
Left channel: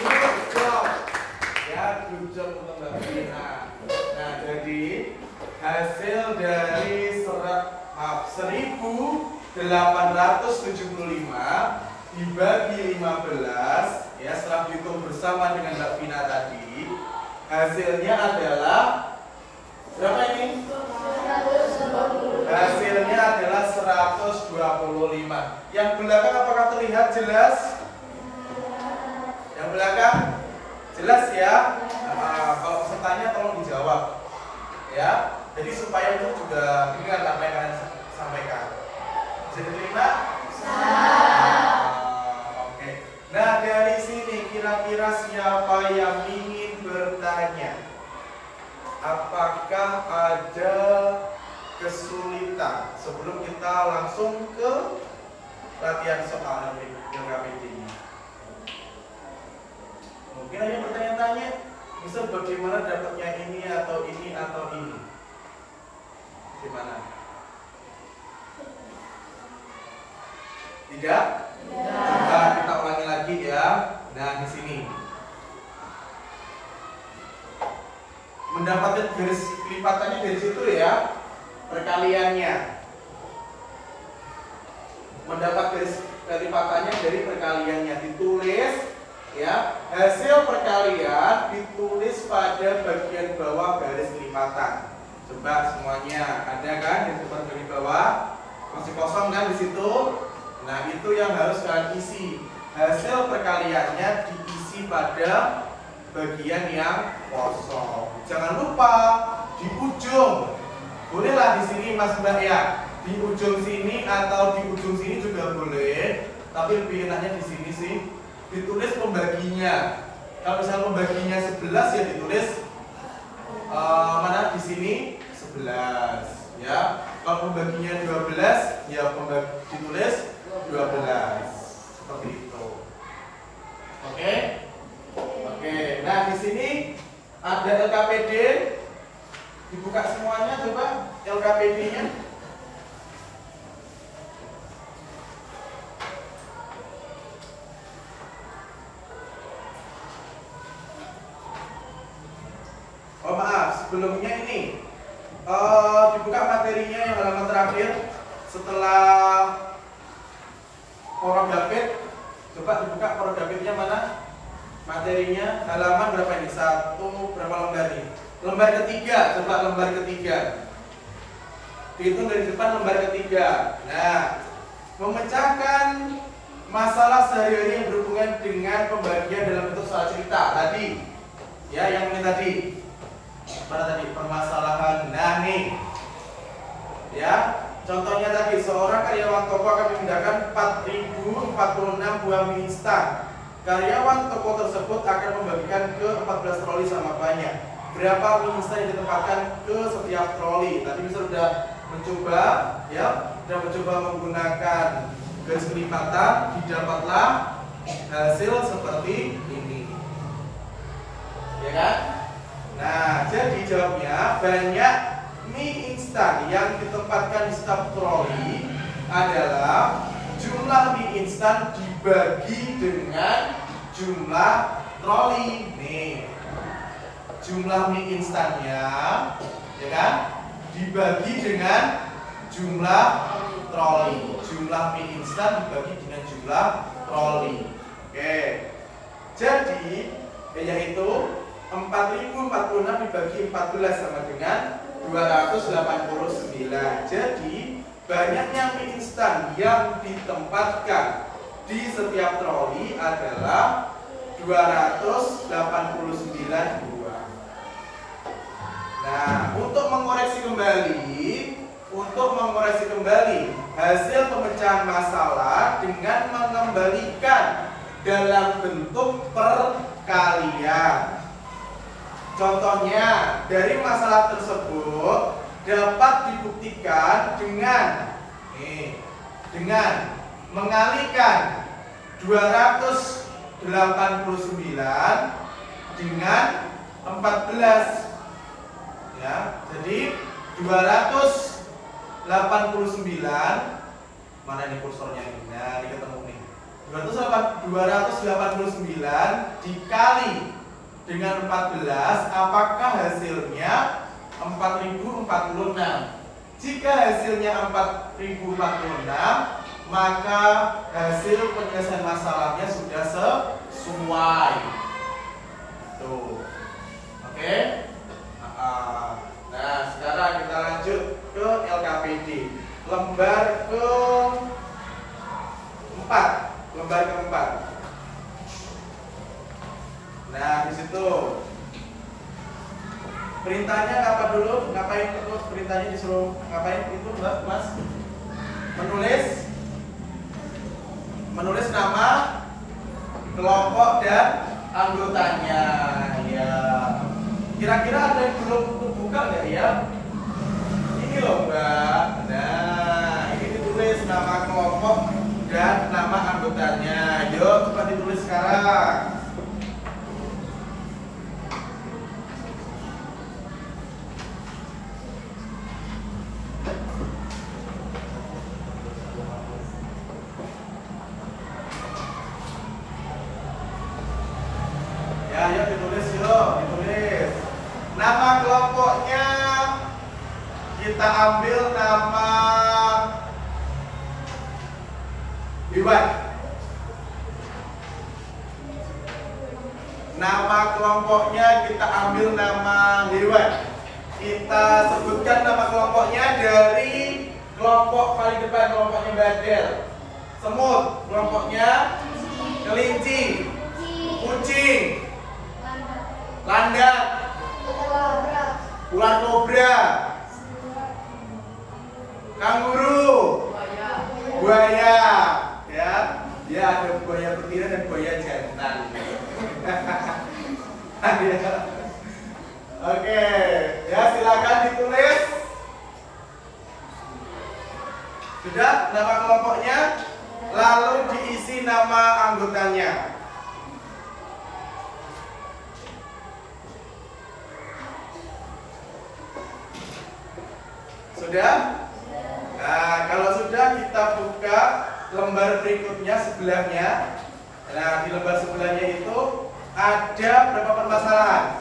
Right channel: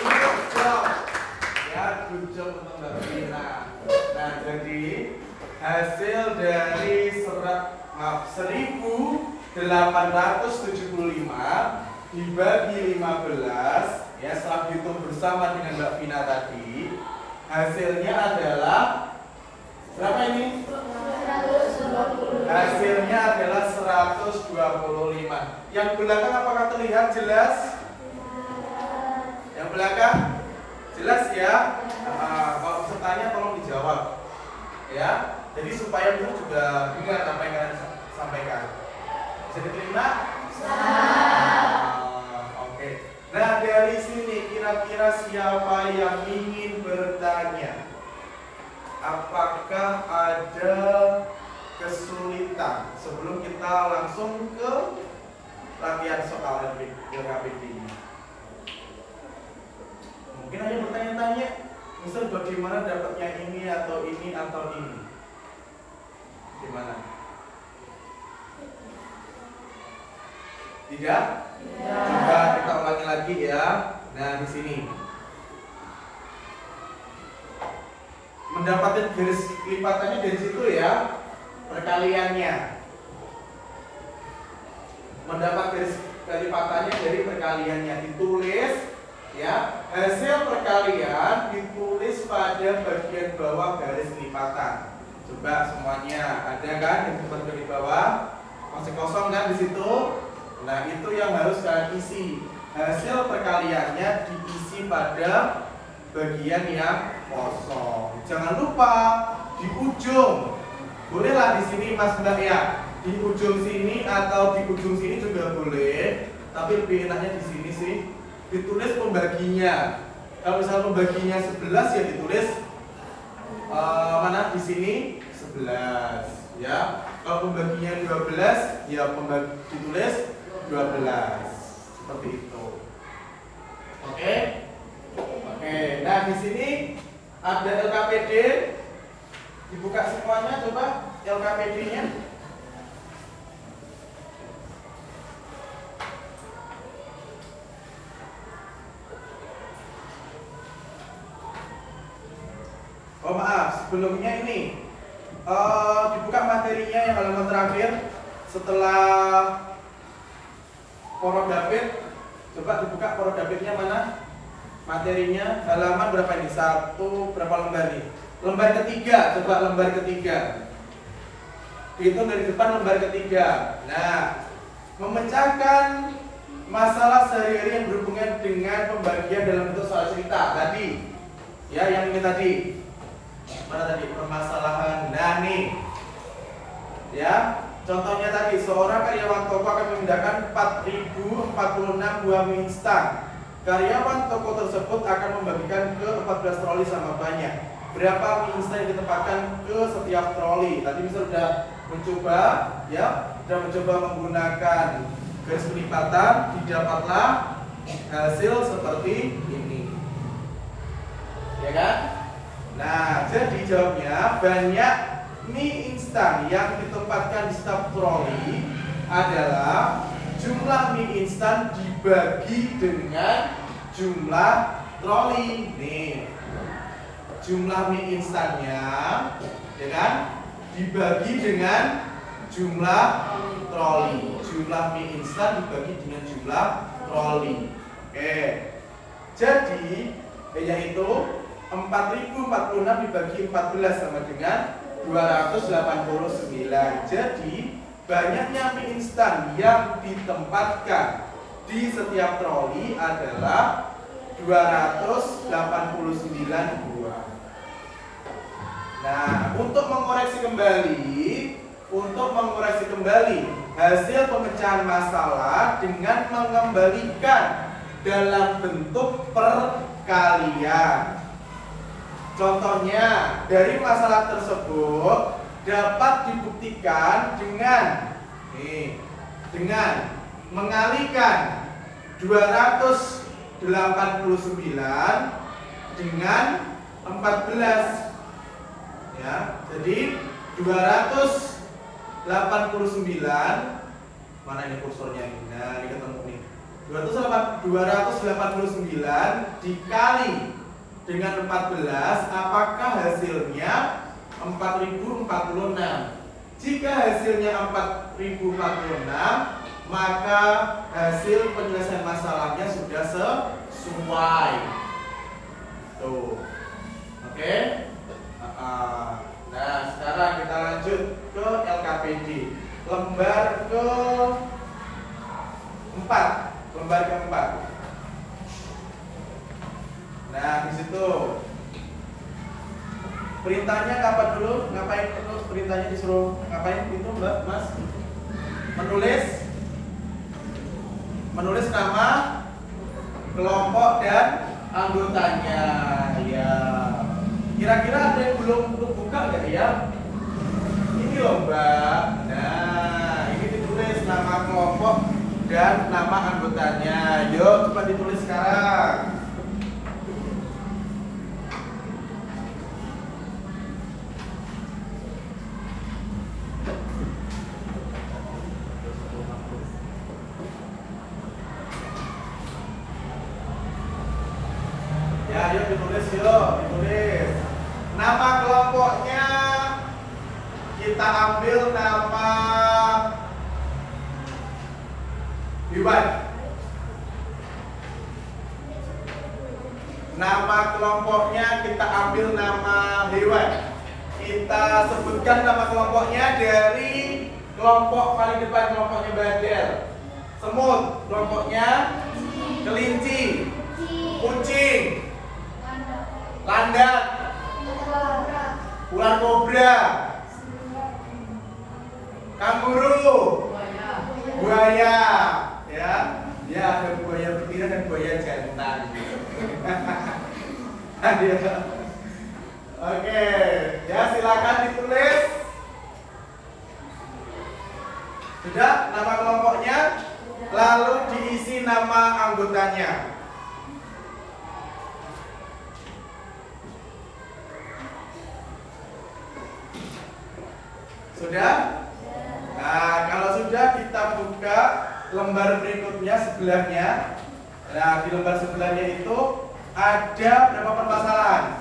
Good job. Ya, good job teman Mbak Vina. Nah, jadi hasil dari 1875 dibagi 15 ya, setelah dihitung bersama dengan Mbak Vina tadi, hasilnya adalah berapa ini? Hasilnya adalah 125. Yang belakang apakah terlihat jelas? Yang belakang jelas ya. Kalau pesertanya tolong dijawab ya. Jadi supaya itu juga dengar apa yang kalian sampaikan. Bisa diterima? Oke. Nah, dari sini kira-kira siapa yang ingin bertanya? Apakah ada kesulitan sebelum kita langsung ke latihan soal LKPD? Mungkin hanya bertanya-tanya, misal bagaimana dapatnya ini atau ini atau ini? Gimana? Tidak? Coba kita ulangi lagi ya. Nah, di sini mendapatkan garis lipatannya dari situ ya, perkaliannya. Mendapat garis lipatannya dari perkaliannya, ditulis ya. Hasil perkalian ditulis pada bagian bawah garis lipatan. Coba semuanya ada kan di bagian bawah, masih kosong kan di situ. Nah, itu yang harus kalian isi. Hasil perkaliannya diisi pada bagian yang kosong. Jangan lupa di ujung. Bolehlah di sini Mas Mbak ya. Di ujung sini atau di ujung sini juga boleh. Tapi lebih enaknya di sini sih. Ditulis pembaginya. Kalau misalnya pembaginya 11 ya ditulis mana di sini 11 ya. Kalau pembaginya 12 ya ditulis 12. Seperti itu. Oke? Oke, nah di sini ada LKPD. Dibuka semuanya coba LKPD-nya. Oh maaf, sebelumnya ini dibuka materinya yang halaman terakhir setelah Porogapit. Coba dibuka Porogapitnya mana? Materinya halaman berapa ini? Berapa lembar ini? Lembar ketiga, coba lembar ketiga. Dihitung dari depan lembar ketiga. Nah, memecahkan masalah sehari-hari yang berhubungan dengan pembagian dalam bentuk soal cerita tadi. Ya, yang ini tadi. Mana tadi permasalahan? Nah, nih. Ya, contohnya tadi seorang karyawan toko akan memindahkan 4.046 buah mie instan. Karyawan toko tersebut akan membagikan ke 14 troli sama banyak. Berapa mie instan yang ditempatkan ke setiap troli? Tadi misal sudah mencoba, ya, sudah mencoba menggunakan garis kelipatan, didapatlah hasil seperti ini. Ya kan? Nah, jadi jawabnya banyak mie instan yang ditempatkan di setiap troli adalah jumlah mie instan dibagi dengan jumlah troli. Nih, jumlah mie instannya, ya kan, dibagi dengan jumlah troli. Jumlah mie instan dibagi dengan jumlah troli. Oke, jadi yaitu 4.046 dibagi 14 sama dengan 289. Jadi banyaknya mie instan yang ditempatkan di setiap troli adalah 289 buah. Nah, untuk mengoreksi kembali hasil pemecahan masalah dengan mengembalikan dalam bentuk perkalian. Contohnya, dari masalah tersebut dapat dibuktikan dengan mengalihkan 289 dengan 14. Ya, jadi 289, mana ini kursornya ini? Nah, ini ketemu nih. 289 dikali dengan 14, apakah hasilnya 4046? Jika hasilnya 4046, maka hasil penyelesaian masalahnya sudah sesuai. Tuh. Oke? Nah, sekarang kita lanjut ke LKPD. Lembar keempat. Nah, di situ perintahnya apa dulu? Ngapain terus perintahnya disuruh ngapain itu, Mbak, Mas? Menulis nama kelompok dan anggotanya. Ya. Kira-kira ada yang belum terbuka nggak ya? Ini loh, Mbak. Nah, ini ditulis nama kelompok dan nama anggotanya. Yuk, coba ditulis sekarang. Ditulis. Nama kelompoknya kita ambil nama hewan. Nama kelompoknya kita ambil nama hewan. Kita sebutkan nama kelompoknya dari kelompok paling depan, kelompoknya bandel. Semut, kelompoknya kelinci, kucing, landak, ular kobra, kanguru, buaya, ya, dia ada buaya betina dan buaya jantan. Oke, ya silakan ditulis. Sudah nama kelompoknya, lalu diisi nama anggotanya. Sudah? Nah, kalau sudah kita buka lembar berikutnya sebelahnya. Nah, di lembar sebelahnya itu ada berapa permasalahan?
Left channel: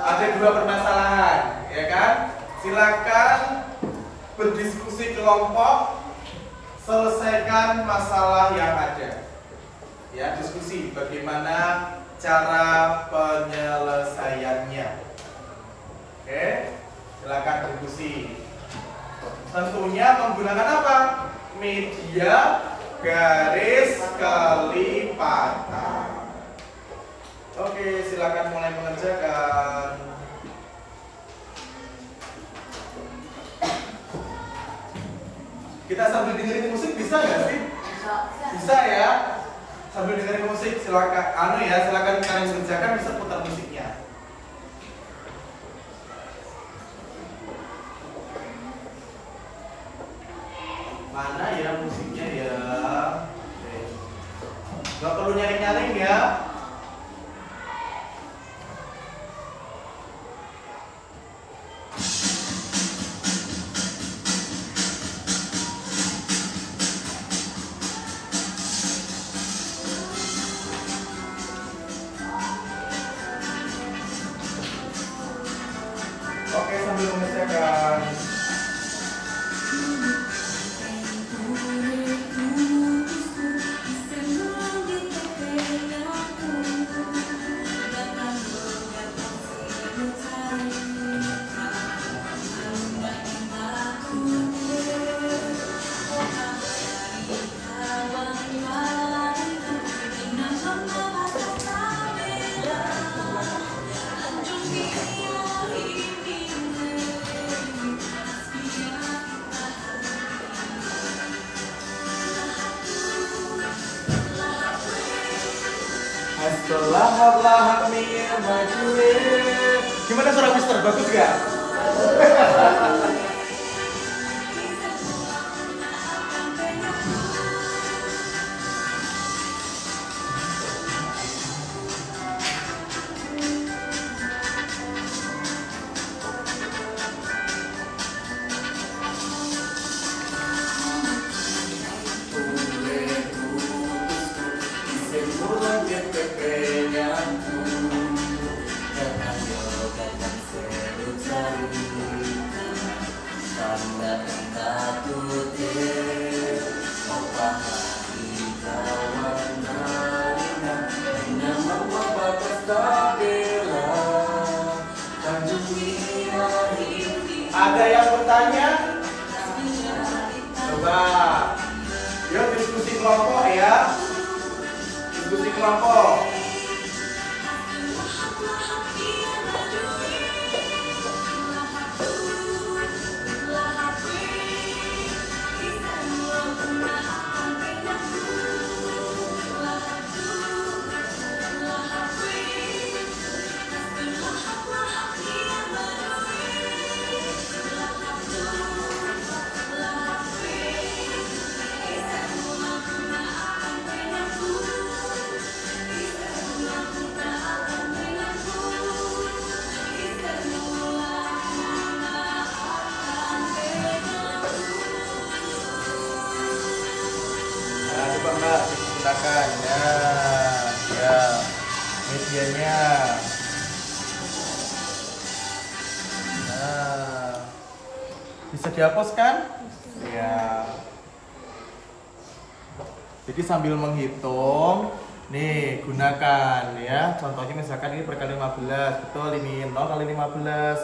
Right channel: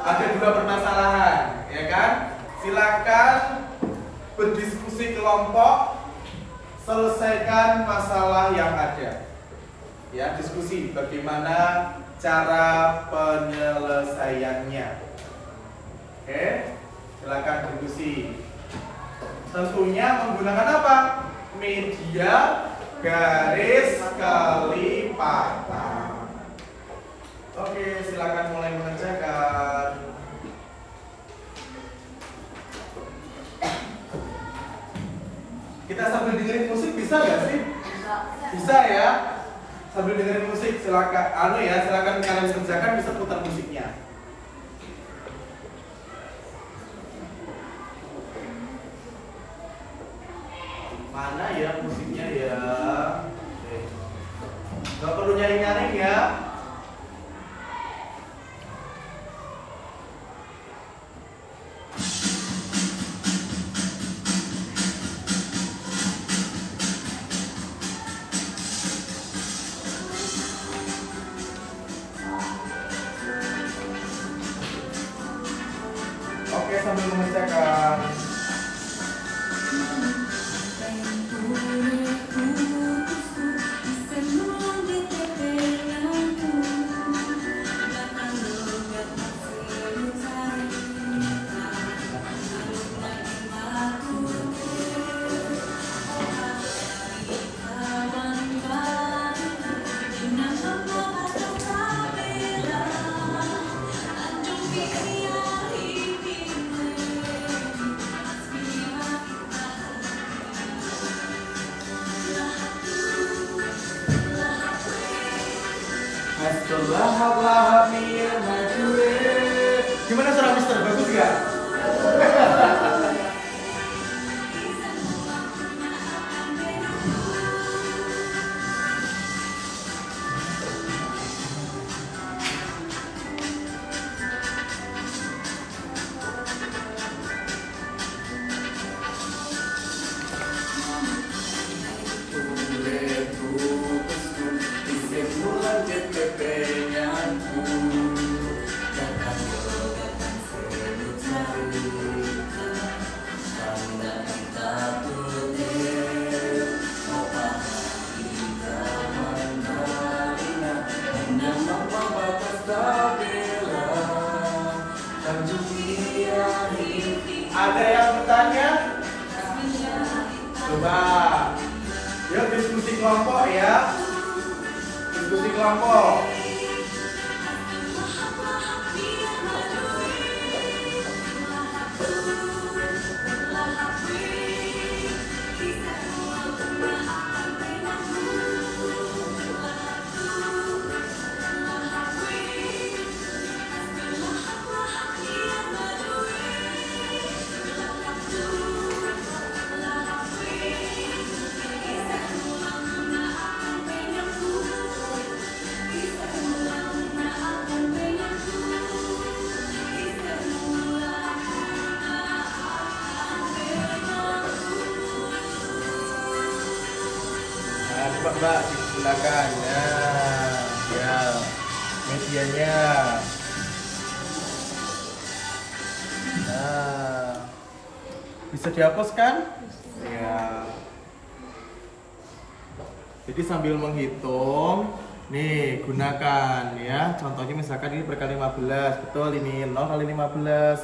Ada 2 permasalahan, ya kan? Silakan berdiskusi kelompok, selesaikan masalah yang ada. Ya, diskusi bagaimana cara penyelesaiannya. Oke? Silakan diskusi. Tentunya menggunakan apa? Media garis kelipatan. Oke, silakan mulai mengerjakan. Kita sambil dengerin musik bisa nggak sih? Bisa ya. Sambil dengerin musik silakan. Silakan kalian kerjakan, bisa putar musiknya. Mana ya musiknya ya? Nggak perlu nyaring-nyaring ya. Oke, sambil mengerjakan. Gimana suara Mister? Bagus gak? Ada yang bertanya? Coba. Yuk diskusi kelompok ya. Diskusi kelompok. Coba Mbak digunakan ya medianya. Nah, bisa dihapus kan? Ya. Jadi sambil menghitung, nih gunakan ya. Contohnya misalkan ini berkali 15, betul ini 0 kali 15,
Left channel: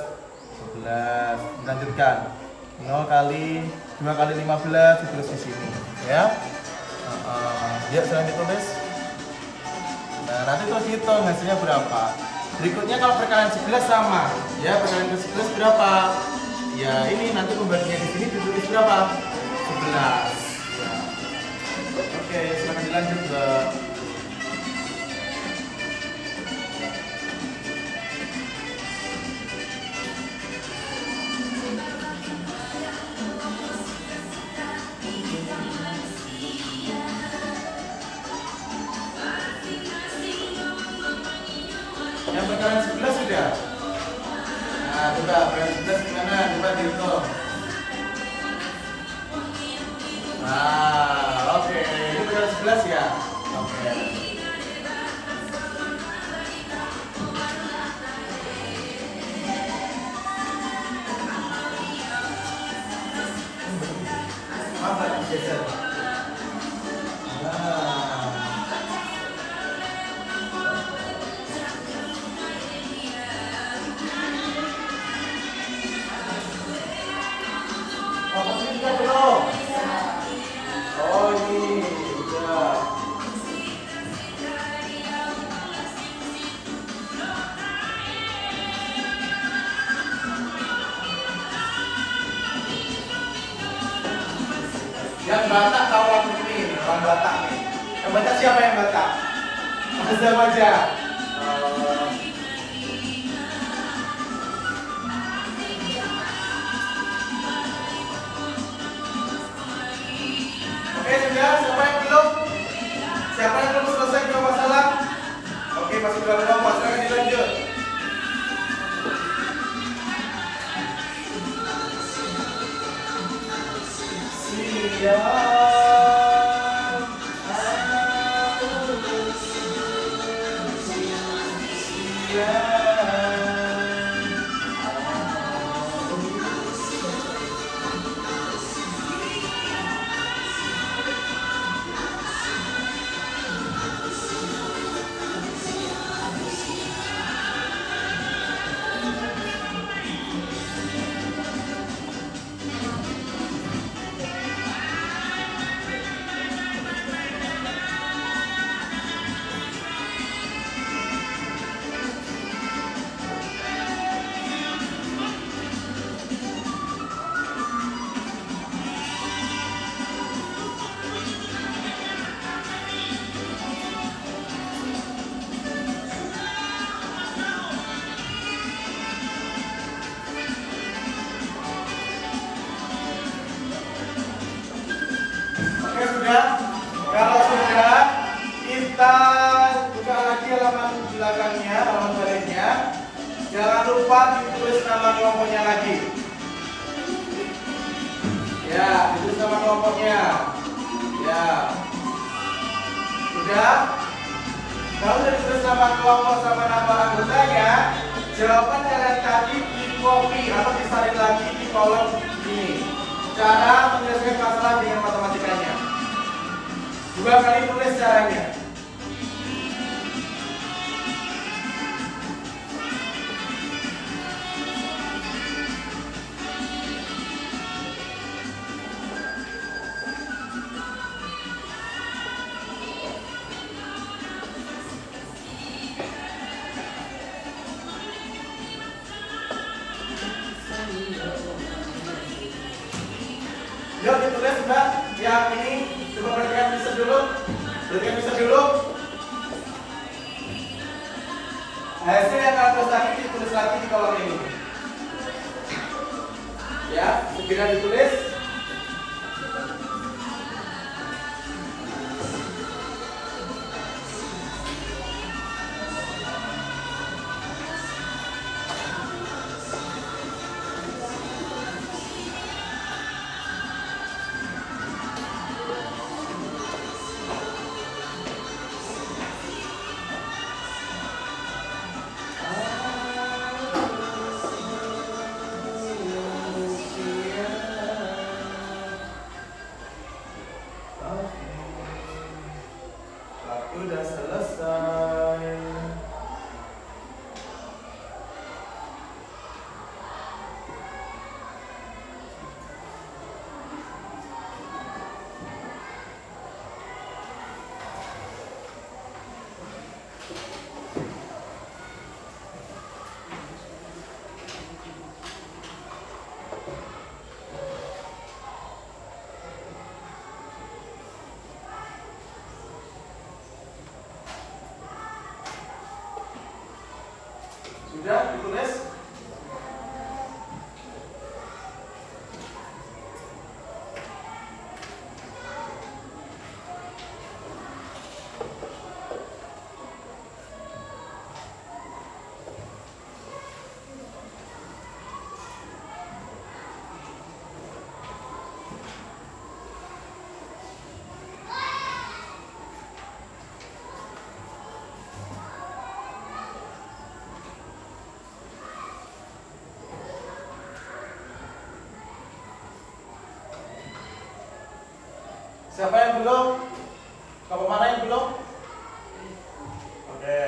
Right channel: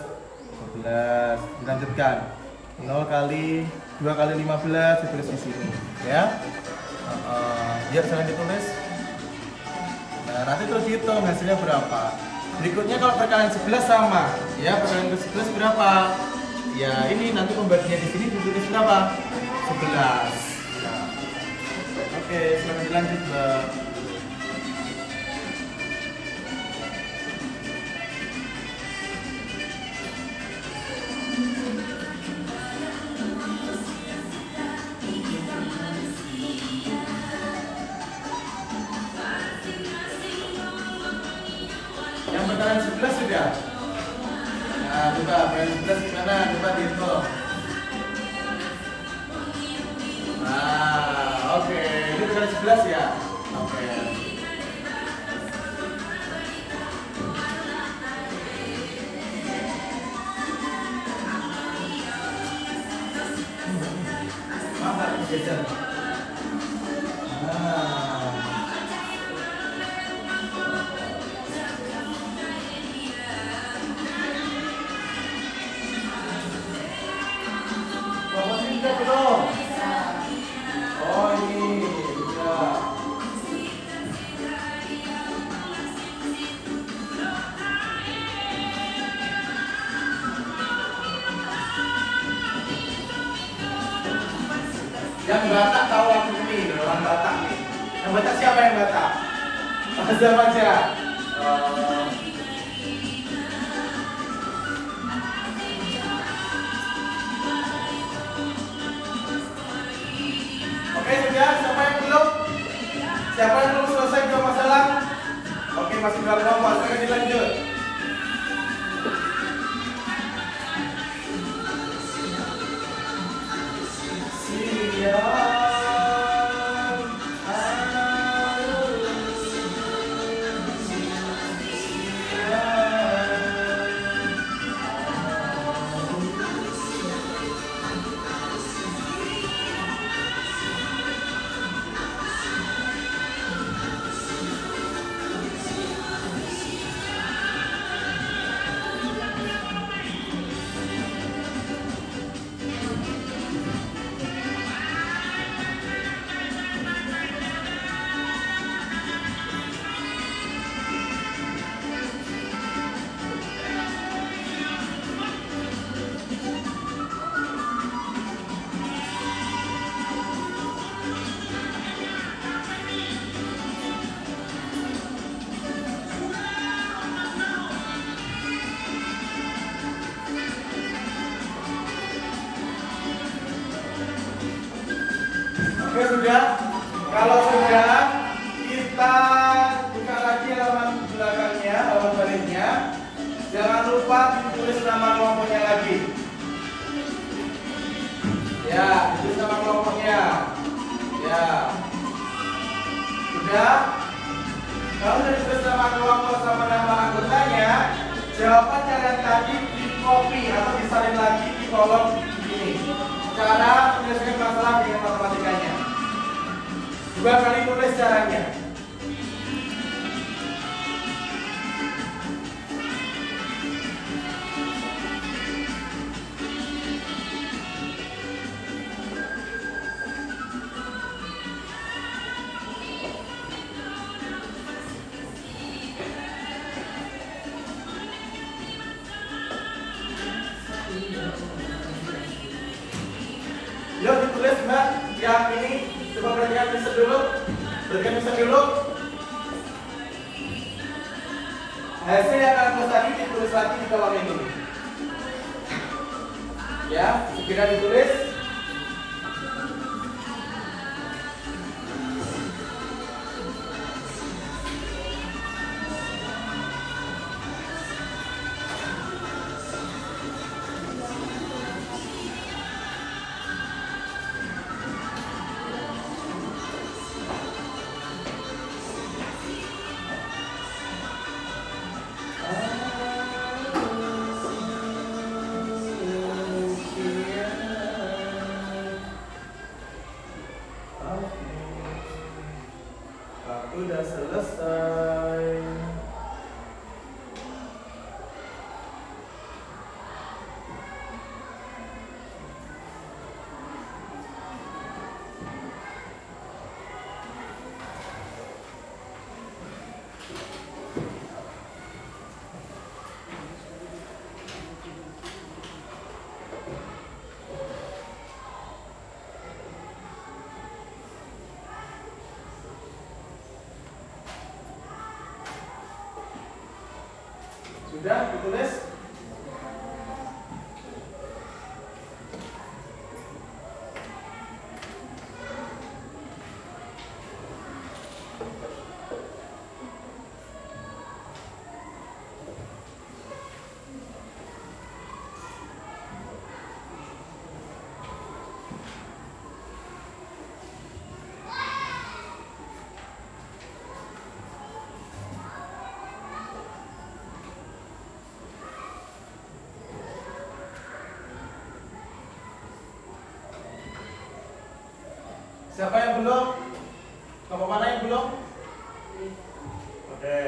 12. Dilanjutkan 0 kali 2 kali 15 ditulis di sini ya. Yuk saya ditulis. Nah nanti terus hitung hasilnya berapa. Berikutnya kalau perkalian 11 sama ya, perkalian ke 11 berapa? Ya ini nanti pembaginya di sini ditulis berapa? 11 ya. Oke, silakan dilanjut Mbak. Yang perkalian 11 sudah. Nah, coba perkalian 11 gimana? Coba dihitung. Nah, oke. Ini perkalian 11 ya? Oke. Maaf, Pak, digeser. Belum. Oh ini baca siapa yang baca? Azza baca. Oke, sudah. Siapa yang belum? Siapa yang belum selesai dua masalah? Oke, masih berapa masalah dilanjut? Siap. Oke, sudah. Kalau sudah, kita buka lagi halaman belakangnya, halaman baliknya. Jangan lupa ditulis nama kelompoknya lagi. Ya, ditulis nama kelompoknya. Ya. Sudah. Kalau sudah ditulis nama kelompok sama nama anggotanya, jawaban yang tadi di copy atau disalin lagi di kolom ini. Cara menyelesaikan masalah dengan matematikanya. 2 kali tulis caranya. Yuk ditulis Mbak, yang ini coba perhatikan bisa dulu. Perhatikan bisa dulu. Hasil yang akan tulis tadi ditulis lagi di kolom ini. Ya, segera ditulis. Udah selesai. Sudah ditulis? Siapa yang belum? Kelompok mana yang belum? Oke.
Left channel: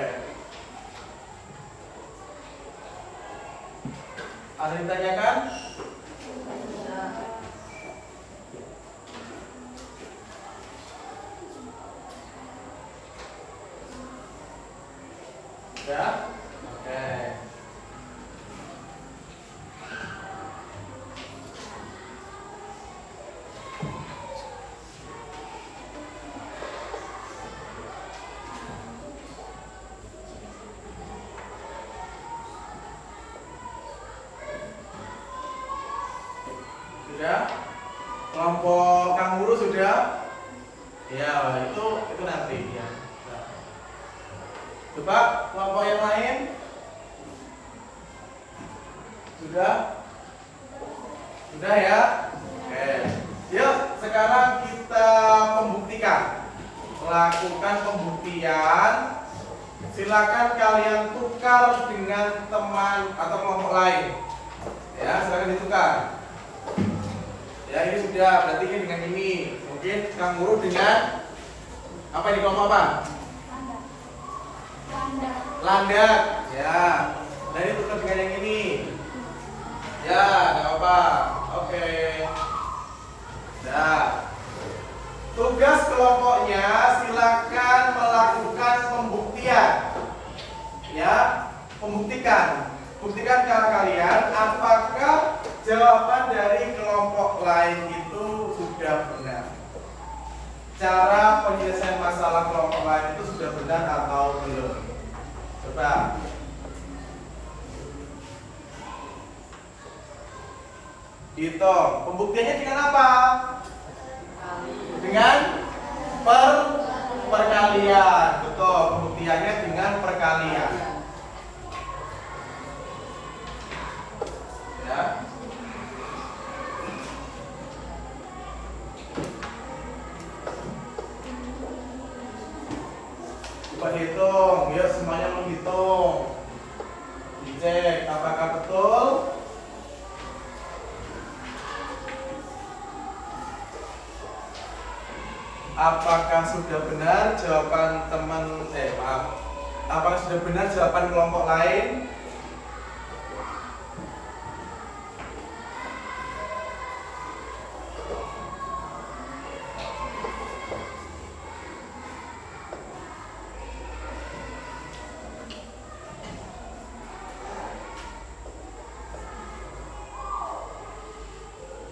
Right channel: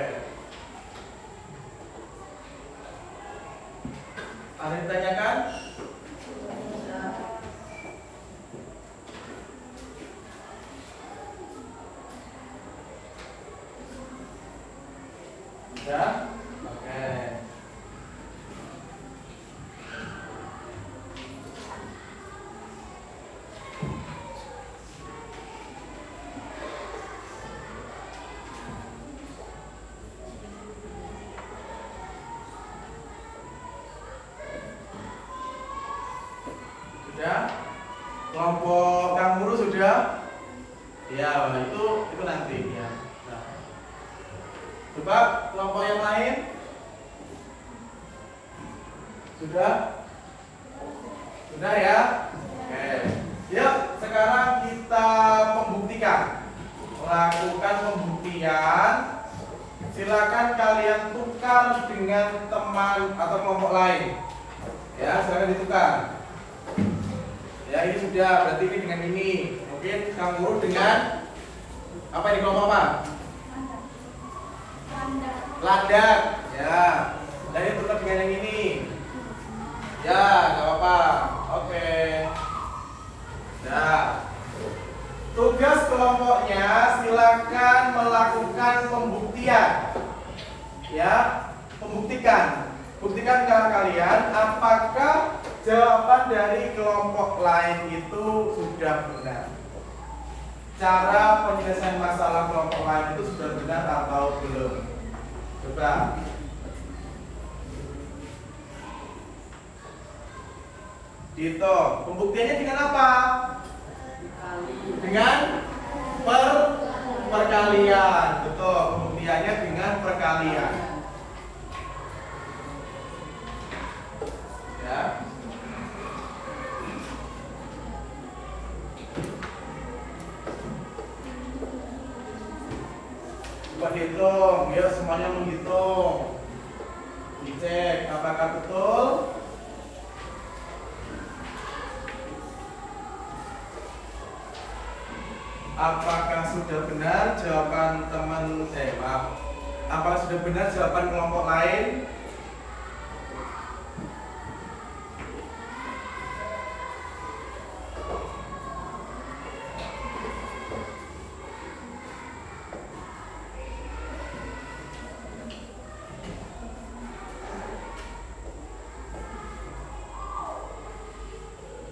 Ada yang ditanyakan? Ya? Oke. nanti ya. Nah. Coba kelompok yang lain. Sudah? Sudah ya? Oke. Yuk, sekarang kita membuktikan. Lakukan pembuktian. Silakan kalian tukar dengan teman atau kelompok lain. Ya, silakan ditukar. Ya, ini sudah, berarti ini dengan ini. Mungkin Kang Guru dengan apa ini, kelompok apa? Landak. Ya. Dan ini tukar dengan yang ini. Ya, nggak apa-apa. Oke. Nah, tugas kelompoknya silakan melakukan pembuktian. Ya, membuktikan. Buktikan ke kalian apakah jawaban dari kelompok lain itu sudah benar. Cara penyelesaian masalah kelompok lain itu sudah benar atau belum? Coba. Gitu. Pembuktiannya dengan apa? Dengan perkalian. Betul. Pembuktiannya dengan perkalian. Ya. Coba hitung. Ya, semuanya menghitung. Dicek apakah betul. Apakah sudah benar jawaban teman apakah sudah benar jawaban kelompok lain?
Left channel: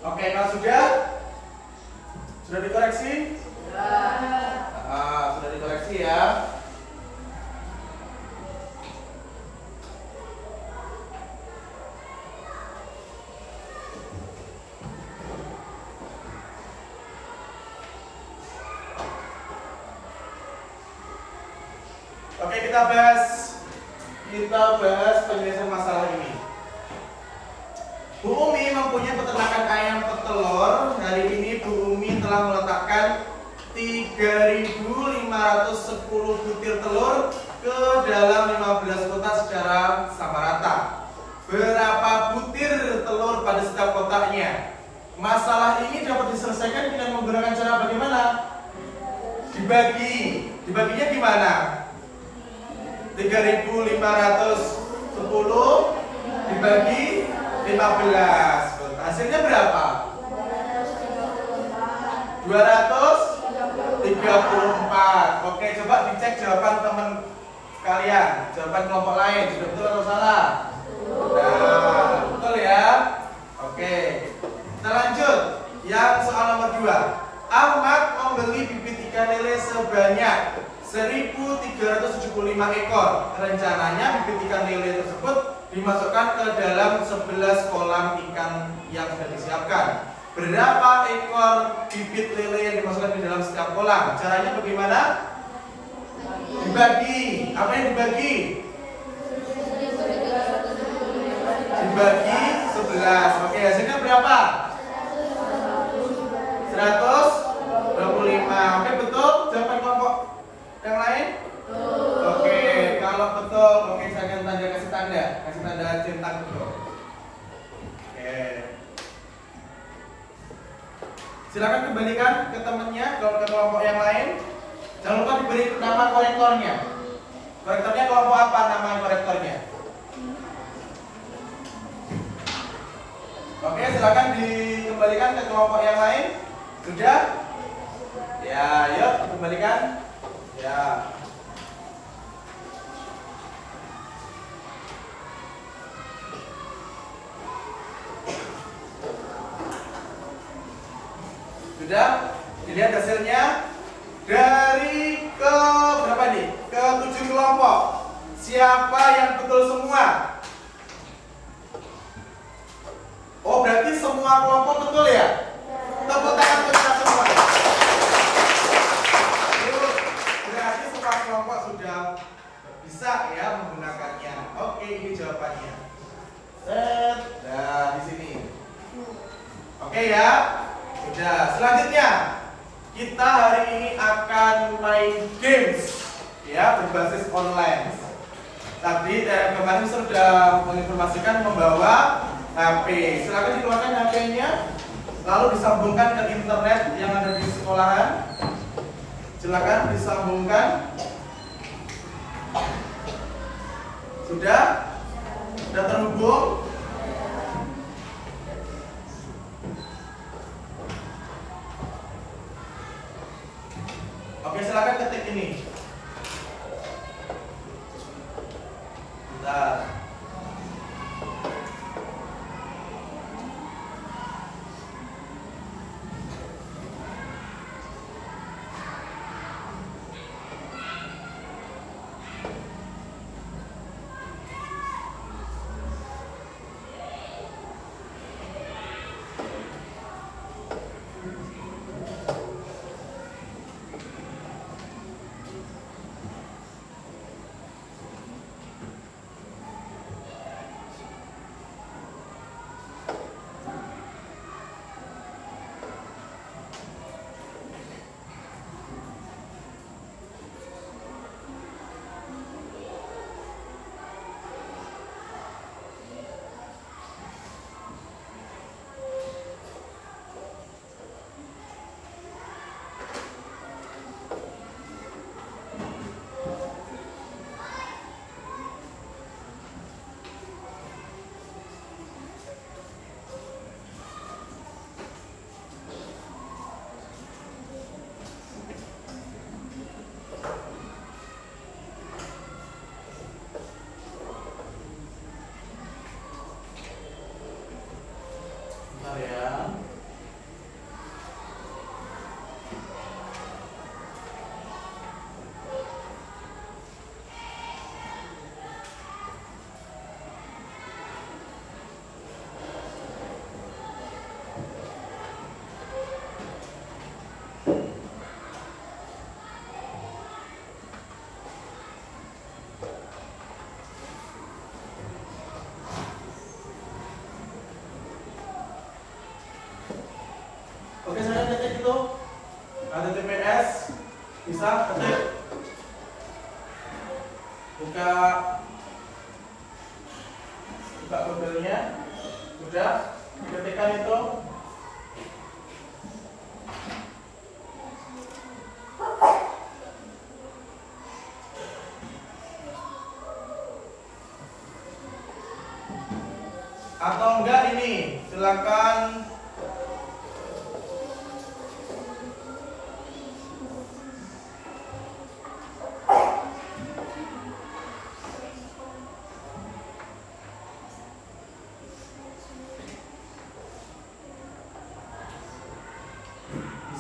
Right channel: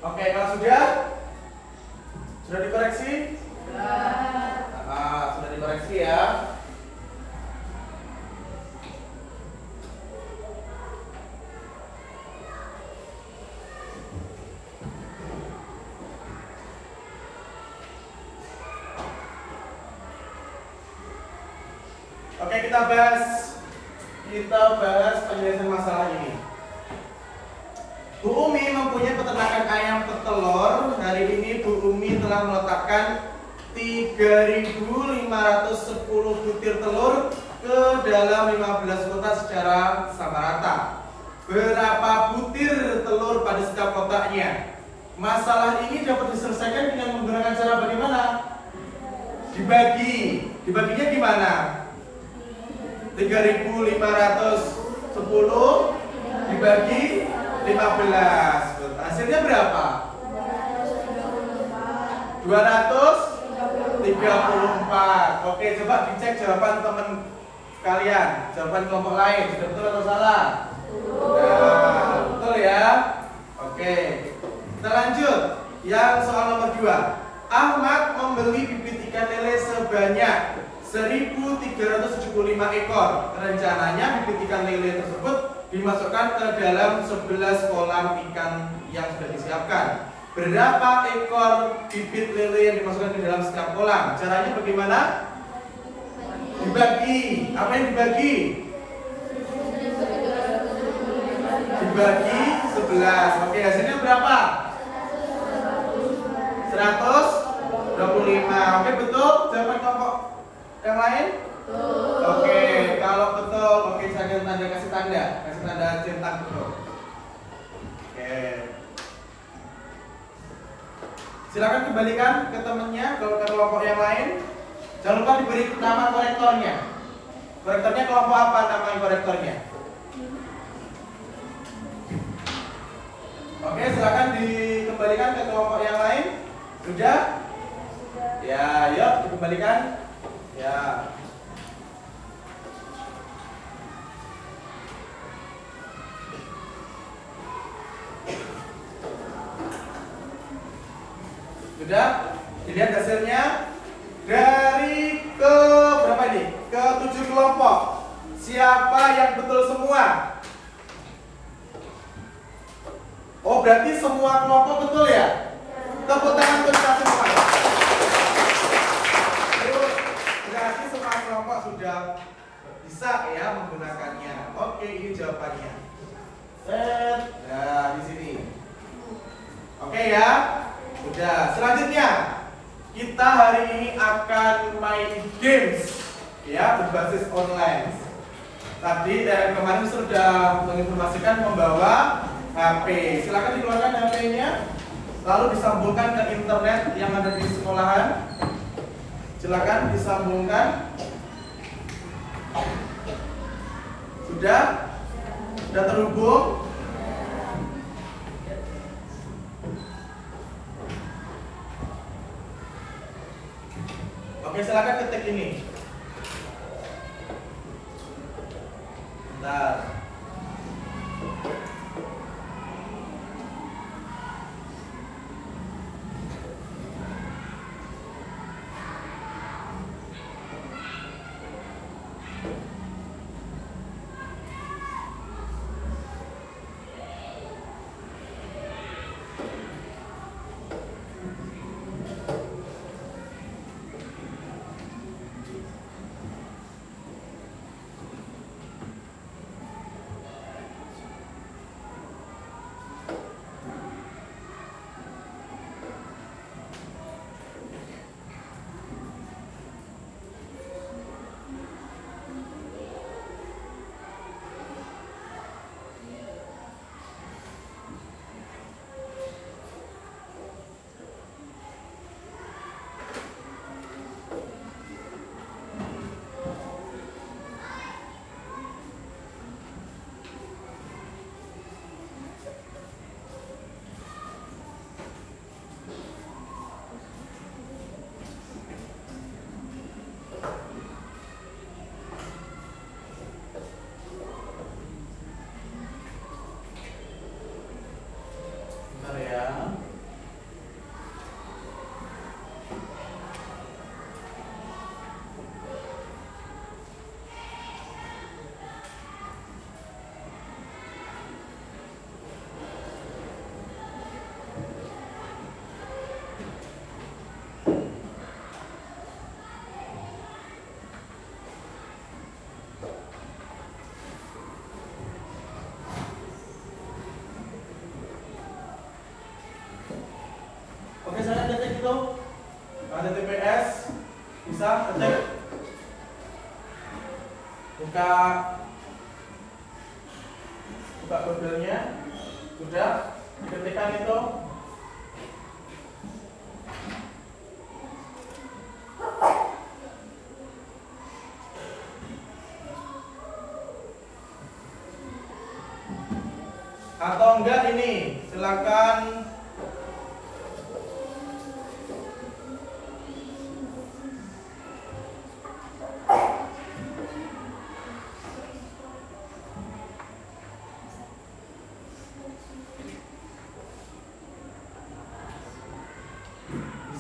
Oke, kalau sudah dikoreksi? Sudah dikoreksi ya. Oke, kita bahas penyelesaian masalah ini. Bu Umi mempunyai peternakan ayam petelur. Hari ini Bu Umi telah meletakkan 3.510 butir telur ke dalam 15 kotak secara sama rata. Berapa butir telur pada setiap kotaknya? Masalah ini dapat diselesaikan dengan menggunakan cara bagaimana? Dibagi. Dibaginya gimana? 3.510 dibagi 15. Hasilnya berapa? 234. Oke, coba dicek jawaban teman kalian, jawaban kelompok lain sudah betul atau salah? Nah, betul ya. Oke, kita lanjut. Yang soal nomor 2. Ahmad membeli bibit ikan lele sebanyak 1.375 ekor. Rencananya bibit ikan lele tersebut dimasukkan ke dalam 11 kolam ikan yang sudah disiapkan. Berapa ekor bibit lele yang dimasukkan di dalam setiap kolam? Caranya bagaimana? Dibagi. Apa yang dibagi? Dibagi 11. Oke, hasilnya berapa? 125. Oke, betul? Jawaban kelompok yang lain? Oke, kalau betul, oke, saya kasih tanda centang betul. Oke. Silakan kembalikan ke temannya, ke kelompok yang lain. Jangan lupa diberi nama korektornya. Korektornya kelompok apa nama korektornya? Oke, silakan dikembalikan ke kelompok yang lain. Sudah? Ya, yuk dikembalikan. Ya. Sudah? Dilihat hasilnya. Dari ke berapa ini? Ke 7 kelompok. Siapa yang betul semua? Oh, berarti semua kelompok betul ya? Tepuk tangan untuk kita semua. sudah bisa ya menggunakannya? Oke, ini jawabannya. Set, nah di sini. Oke ya, udah. Selanjutnya kita hari ini akan main games ya berbasis online. Tadi dari kemarin sudah menginformasikan membawa HP. Silakan dikeluarkan HP-nya, lalu disambungkan ke internet yang ada di sekolahan. Silakan disambungkan. Sudah terhubung? Oke, silakan ketik ini. Bentar. Oke, saya ketik itu HTTPS, bisa ketik, buka Google-nya, sudah diketikkan itu. Atau enggak ini, silakan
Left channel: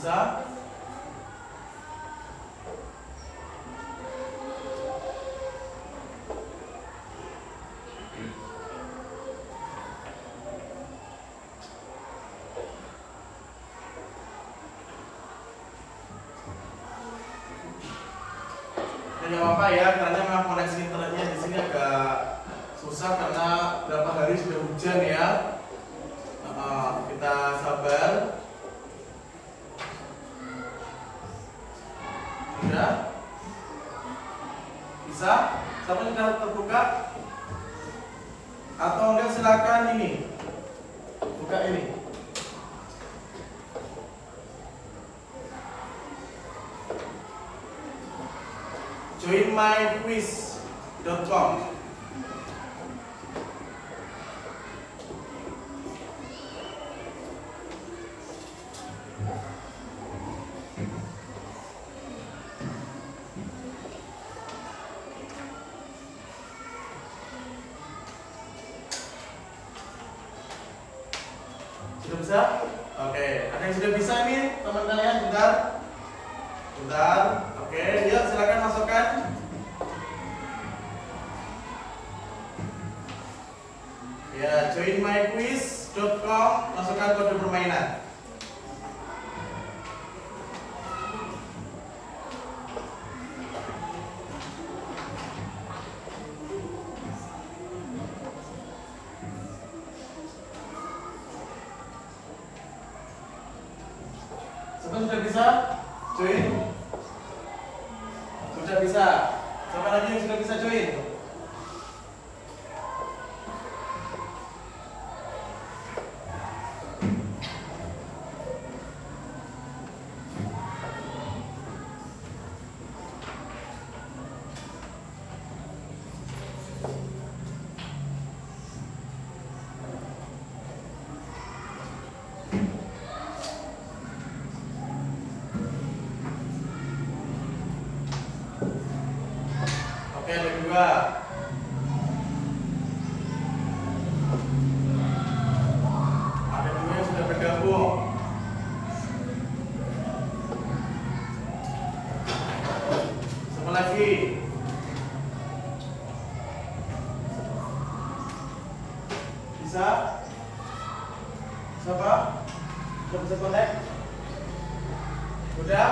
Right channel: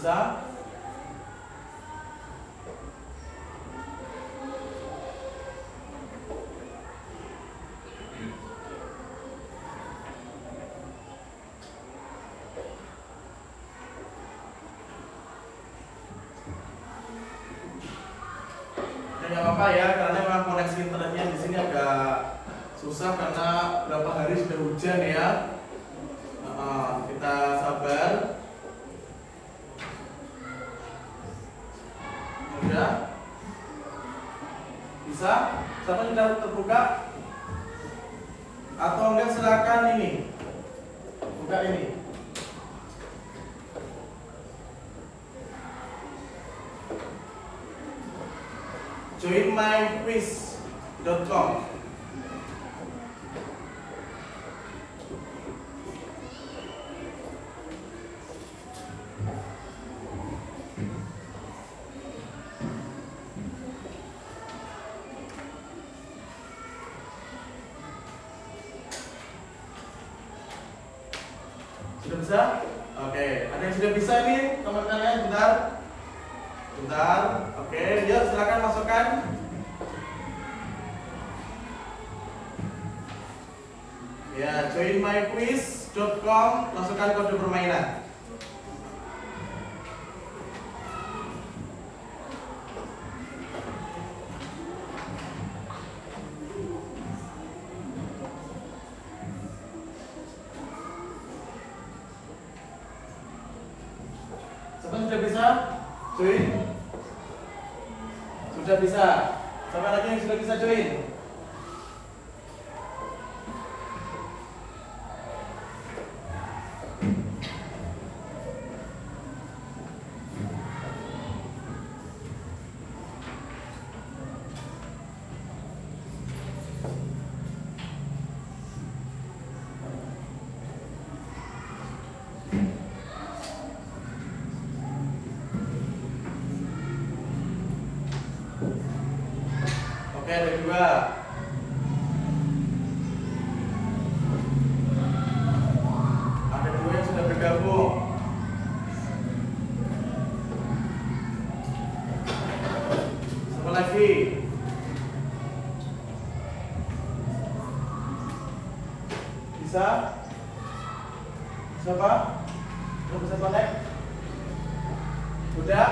bisa. Nggak apa-apa ya, karena memang koneksi internetnya di sini agak susah karena beberapa hari sudah hujan ya. Kita sabar. Sudah? Bisa? Siapa sudah terbuka? Atau enggak silakan ini. Buka ini. joinmyquiz.com. Sudah bisa? Oke, ada yang sudah bisa ini teman kalian? Bentar. Oke, yuk silakan masukkan. Ya, joinmyquiz.com, masukkan kode permainan. Join? Sudah bisa? Siapa lagi yang sudah bisa join? Oke, ada dua. Ada dua yang sudah bergabung. Siapa lagi? Bisa? Siapa? Sudah bisa connect? Udah?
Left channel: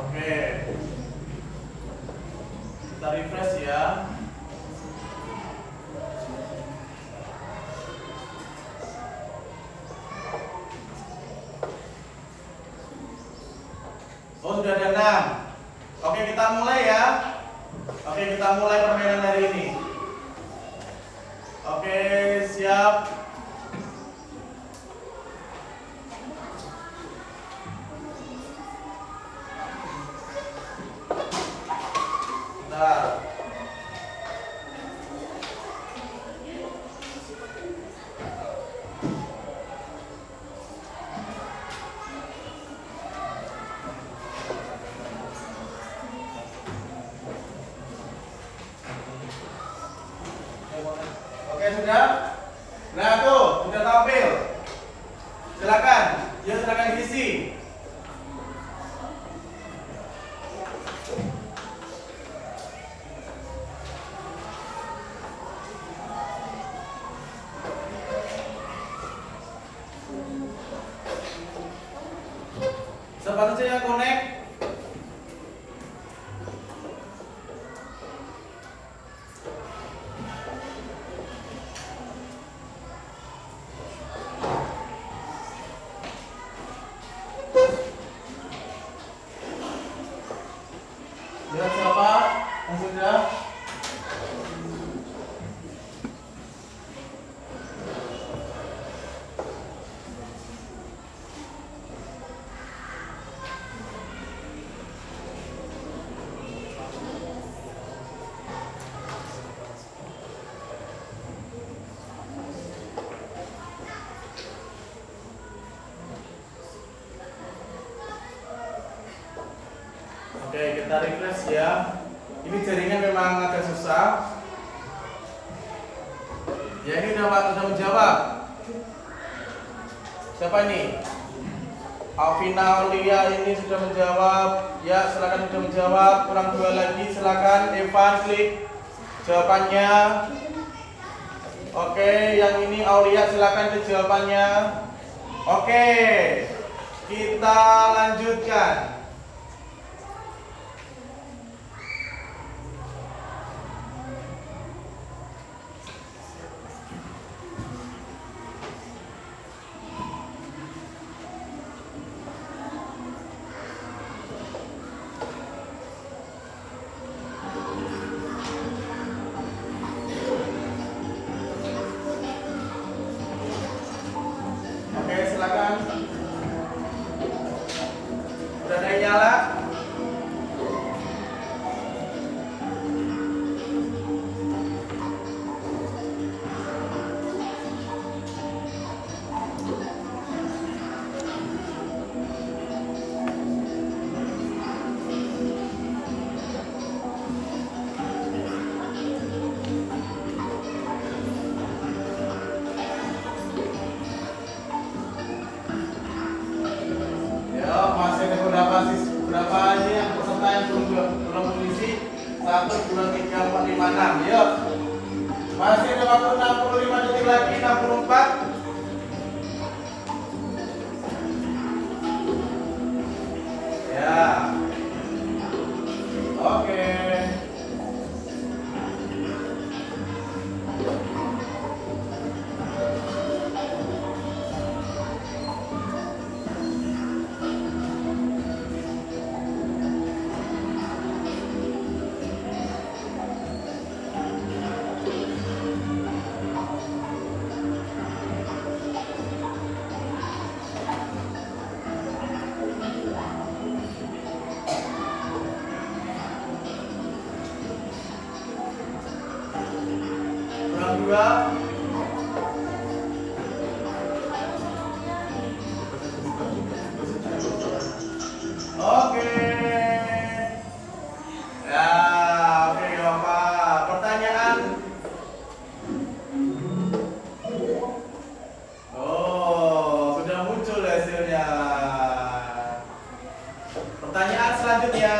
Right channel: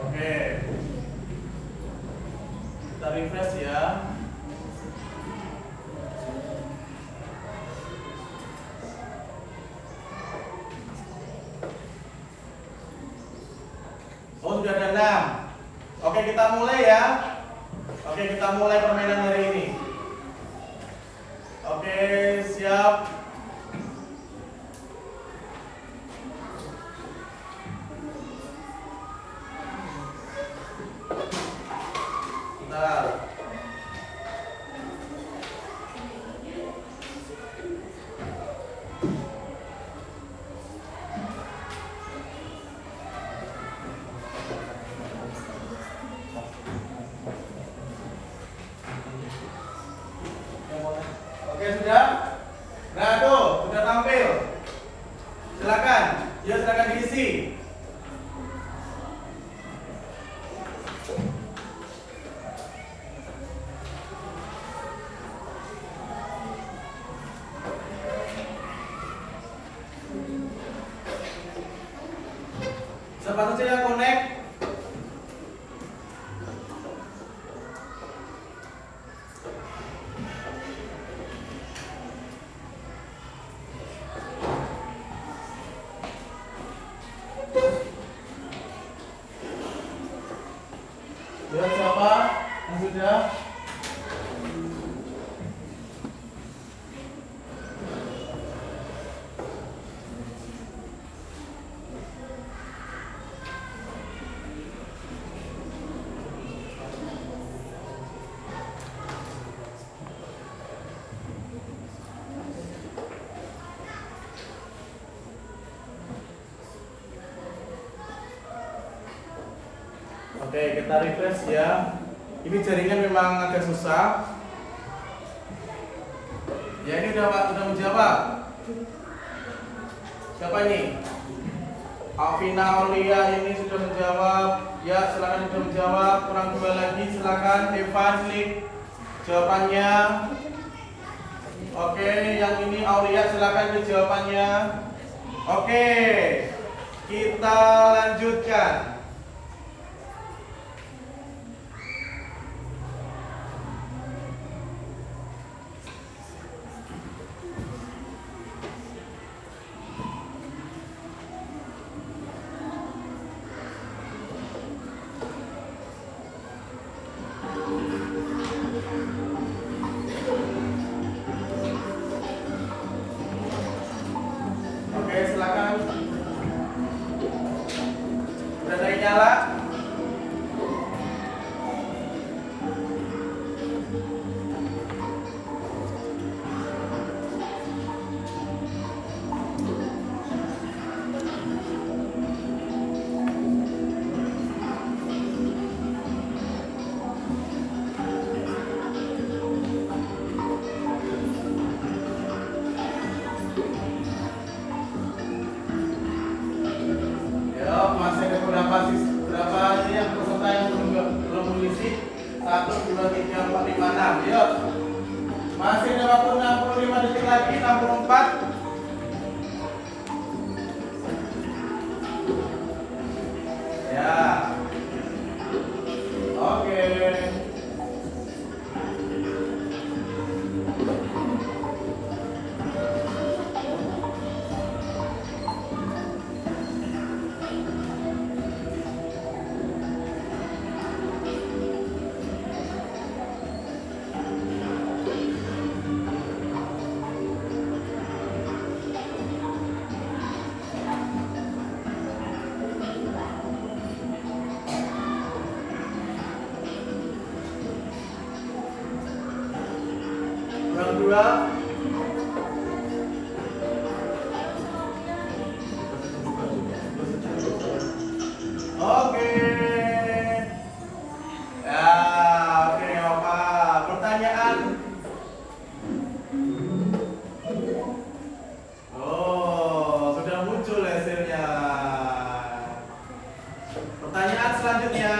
Oke. Kita refresh ya. Oh, sudah ada 6. Oke, kita mulai ya. Oke, kita mulai permainan hari ini. Oke, siap. Bentar. Oke, sudah? Nah, tuh, sudah tampil. Silakan. Ya, silakan diisi. Siapa saja yang connect? Ya, siapa yang sudah? Oke, kita refresh ya. Ini jaringan memang agak susah. Ya, ini udah menjawab. Siapa nih? Alvina Aulia ini sudah menjawab. Ya, silakan sudah menjawab. Kurang dua lagi, silakan Evan klik jawabannya. Oke, yang ini Aulia silakan klik jawabannya. Oke, kita lanjutkan. Silakan. Sudah ada yang nyala? Masih ada berapa ini yang peserta yang belum mengisi 1, 2, 3, 4, 5, 6. Yuk, masih ada waktu 65 detik lagi. 64. Ya, oke. berdua. Oke. Ya, oke nggak apa-apa. Pertanyaan. Oh, sudah muncul hasilnya. Pertanyaan selanjutnya.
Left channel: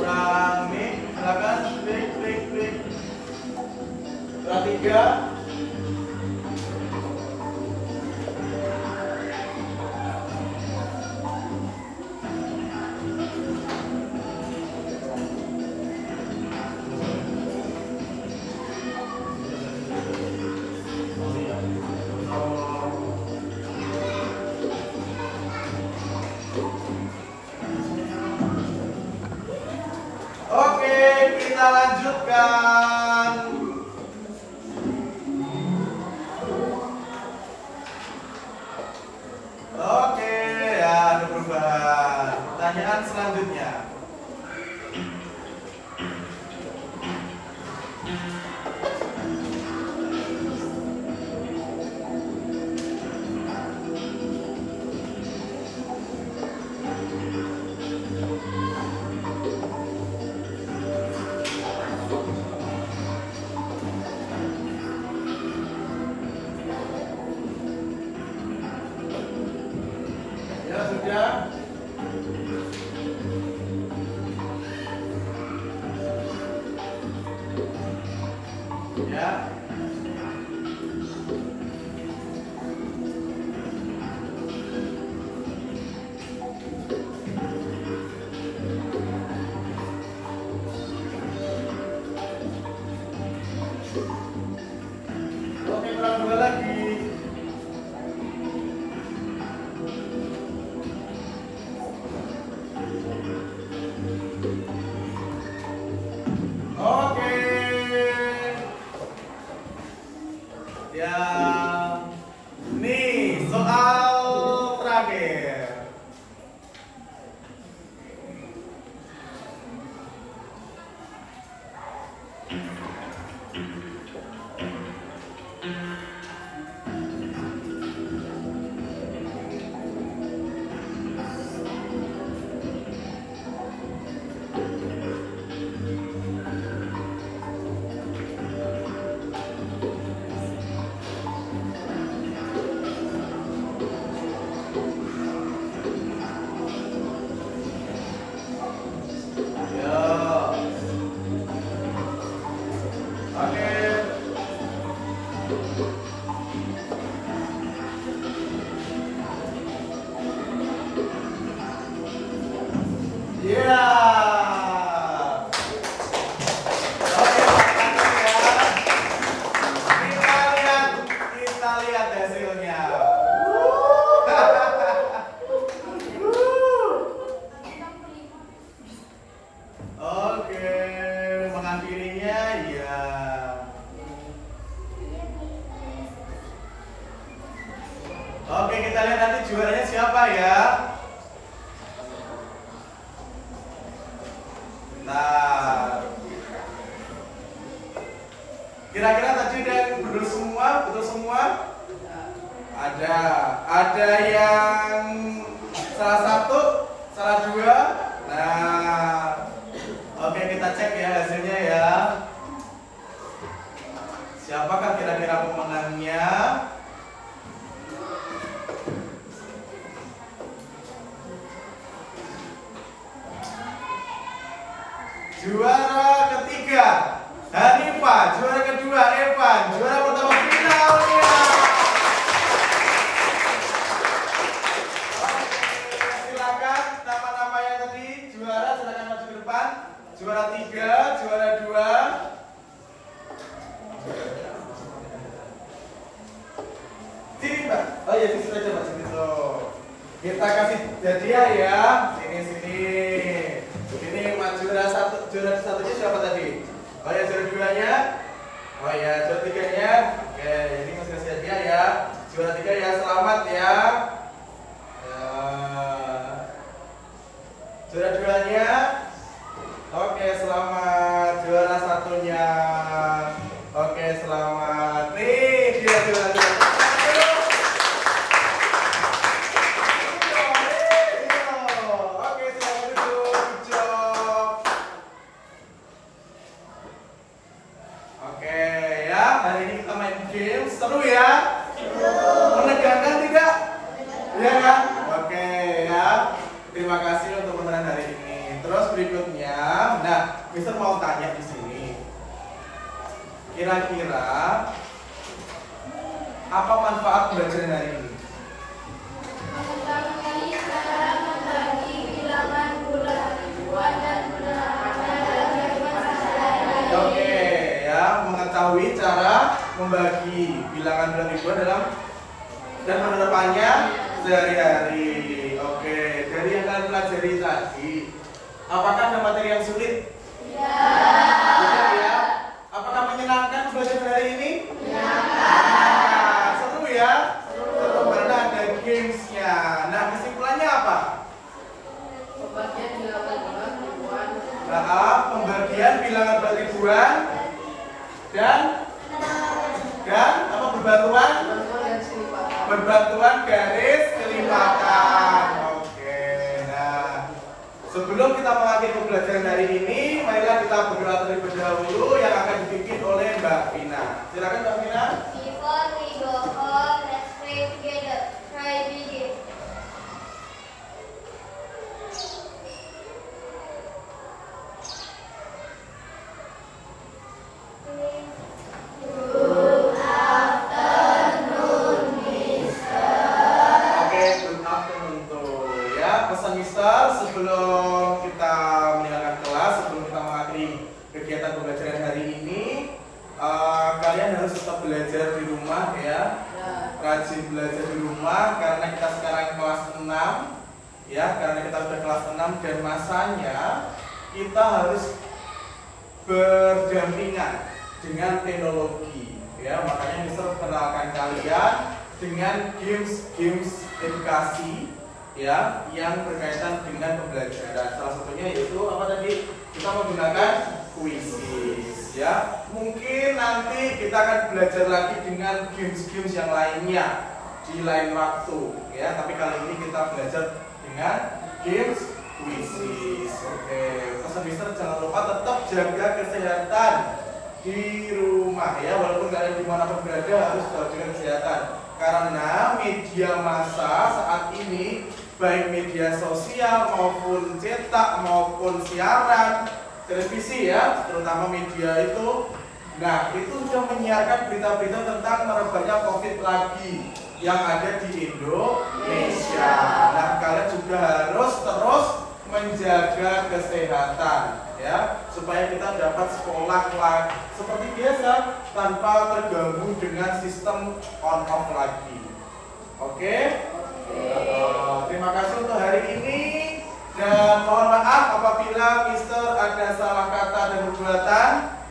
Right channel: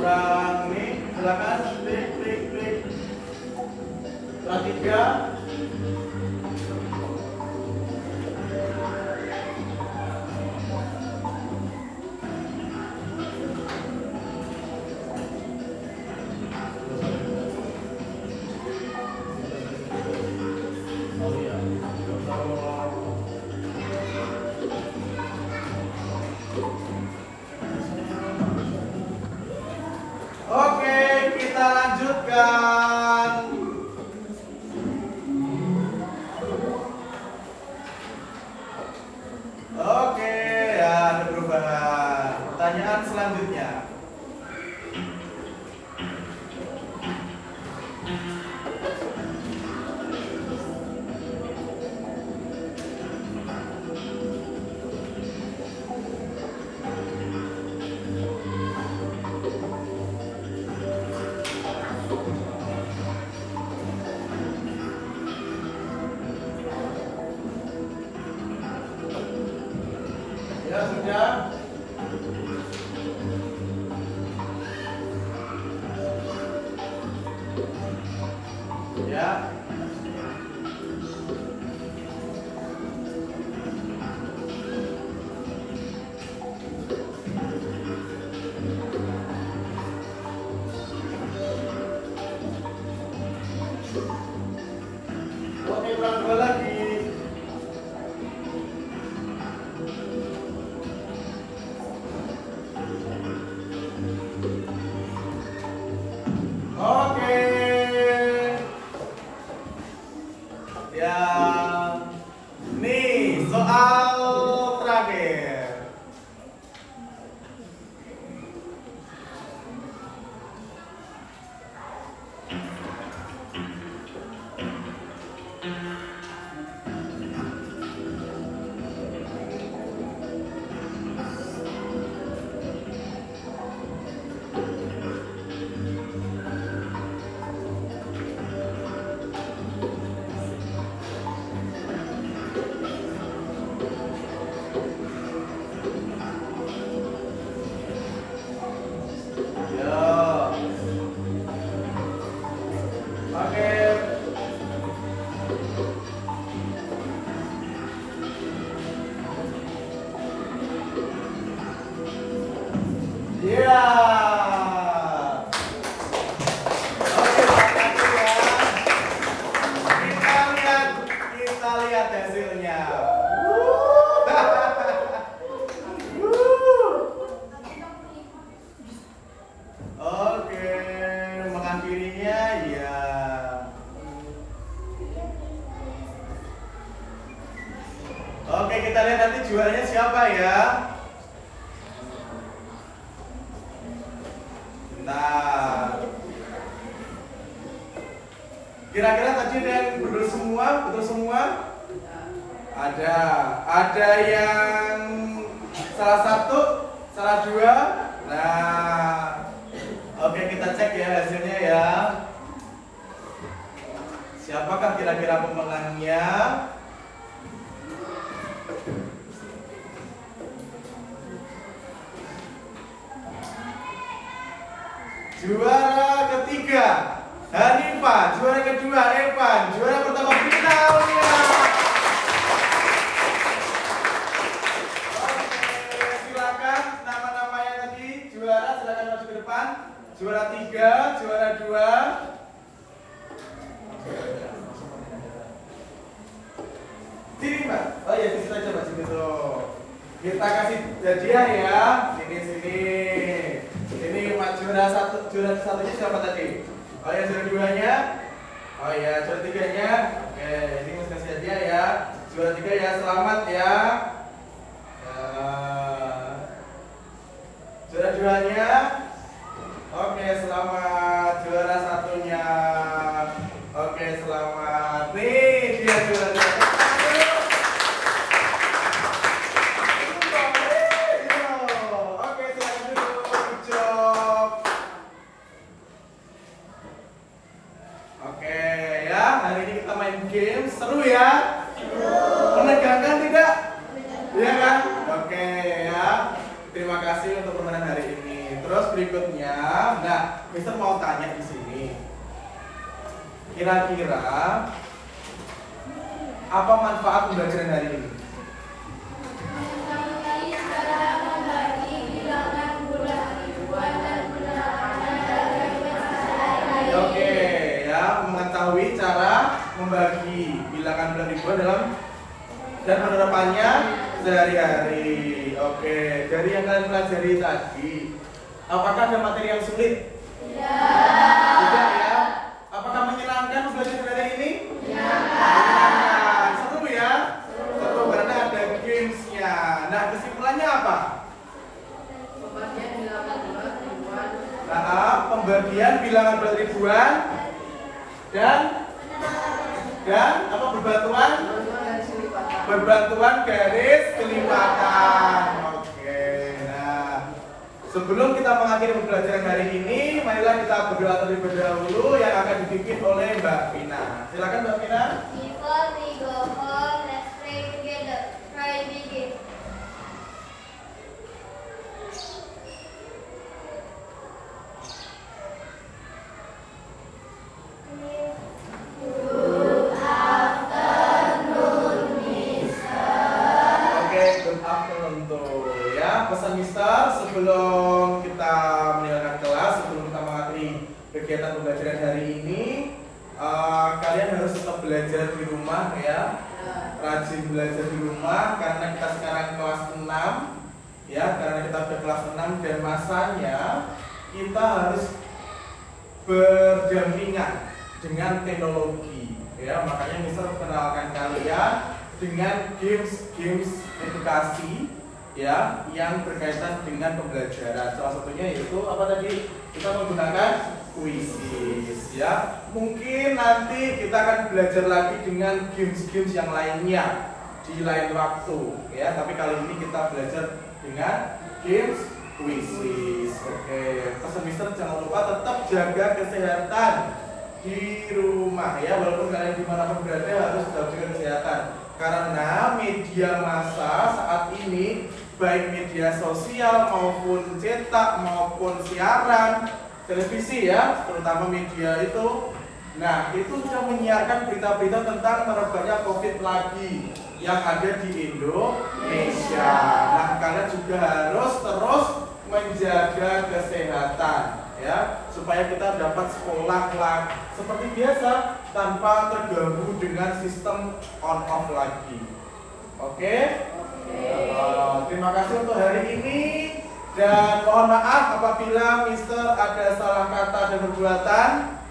Kurang ini, silakan klik. Kurang 3. Oke, kita lanjutkan. Oke, ya ada perubahan. Pertanyaan selanjutnya. Ya sudah. Ya. Oke, kurang 2 lagi. Oke. Yang nih soal terakhir. Iya. Oke, lanjut ya. Kita lihat hasilnya. Oke, mengakhirinya ya. Oke, kita lihat nanti juaranya siapa ya. Nah, kira-kira tadi ada yang betul semua? Ada yang Salah satu, salah dua. Nah, oke, kita cek ya hasilnya ya. Siapakah kira-kira pemenangnya? Juara ketiga Hanifah, juara kedua Evan, juara pertama Vina Aulia. Silakan nama-namanya tadi juara, silakan maju ke depan. Juara 3, juara 2. Sini Mbak. Oh ya, sini aja Mbak, sini tuh. Kita kasih hadiah ya. Sini. Ini juara satunya siapa tadi? Oh ya, juara 2-nya. Oh ya, juara 3-nya. Oke, ini masih kasih hadiah ya. Juara 3 ya, selamat ya. Juara 2-nya. Oke, selamat. Juara 1-nya. Oke, selamat. Nih, dia juara 2. Game seru ya? Menegangkan tidak? Iya kan? Oke ya. Terima kasih untuk pemenang hari ini. Terus berikutnya, nah, Mister mau tanya di sini. Kira-kira apa manfaat pembelajaran hari ini? Oke ya, mengetahui cara membagi bilangan bulan ribuan dan penerapannya sehari-hari. Oke, dari yang kalian pelajari tadi, apakah ada materi yang sulit? Tidak ya. Apakah menyenangkan belajar hari ini? Menyenangkan. Seru ya? Seru karena ada gamesnya. Nah, kesimpulannya apa? Pembagian bilangan bulan ribuan dan apa berbatuan garis kelipatan. Oke, nah sebelum kita mengakhiri pembelajaran hari ini, marilah kita berdoa terlebih dahulu yang akan dipimpin oleh Mbak Vina. Silakan Mbak Vina. Before we go home, let's pray together. Pray begin. Pesan Mister sebelum kita meninggalkan kelas, sebelum kita mengakhiri kegiatan pembelajaran hari ini, kalian harus tetap belajar di rumah ya, rajin belajar di rumah karena kita sekarang kelas 6 ya, karena kita sudah kelas 6 dan masanya kita harus berdampingan dengan teknologi ya, makanya Mister kenalkan kalian dengan games edukasi ya, yang berkaitan dengan pembelajaran. Salah satunya yaitu apa tadi? Kita menggunakan kuisis ya. Mungkin nanti kita akan belajar lagi dengan games-games yang lainnya di lain waktu ya. Tapi kali ini kita belajar dengan games kuisis. Oke, pesan Mister jangan lupa tetap jaga kesehatan di rumah ya. Walaupun kalian dimanapun berada harus tetap jaga kesehatan. Karena media massa saat ini, baik media sosial maupun cetak maupun siaran televisi ya, terutama media itu, nah itu sudah menyiarkan berita-berita tentang merebaknya COVID lagi yang ada di Indonesia. Nah, kalian juga harus terus menjaga kesehatan ya, supaya kita dapat sekolah lagi seperti biasa tanpa terganggu dengan sistem on off lagi. Oke? Terima kasih untuk hari ini dan mohon maaf apabila Mister ada salah kata dan perbuatan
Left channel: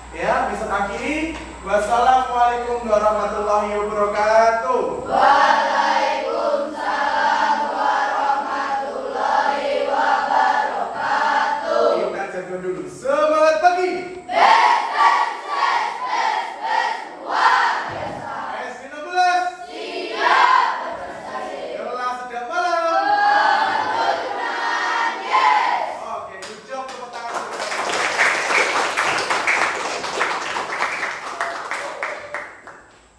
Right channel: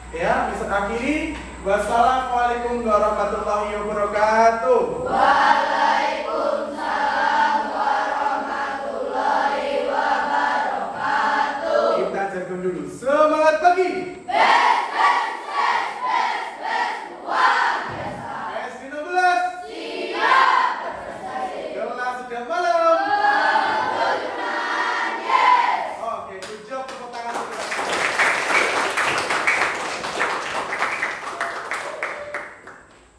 ya. Mister akhiri, wassalamualaikum warahmatullahi wabarakatuh.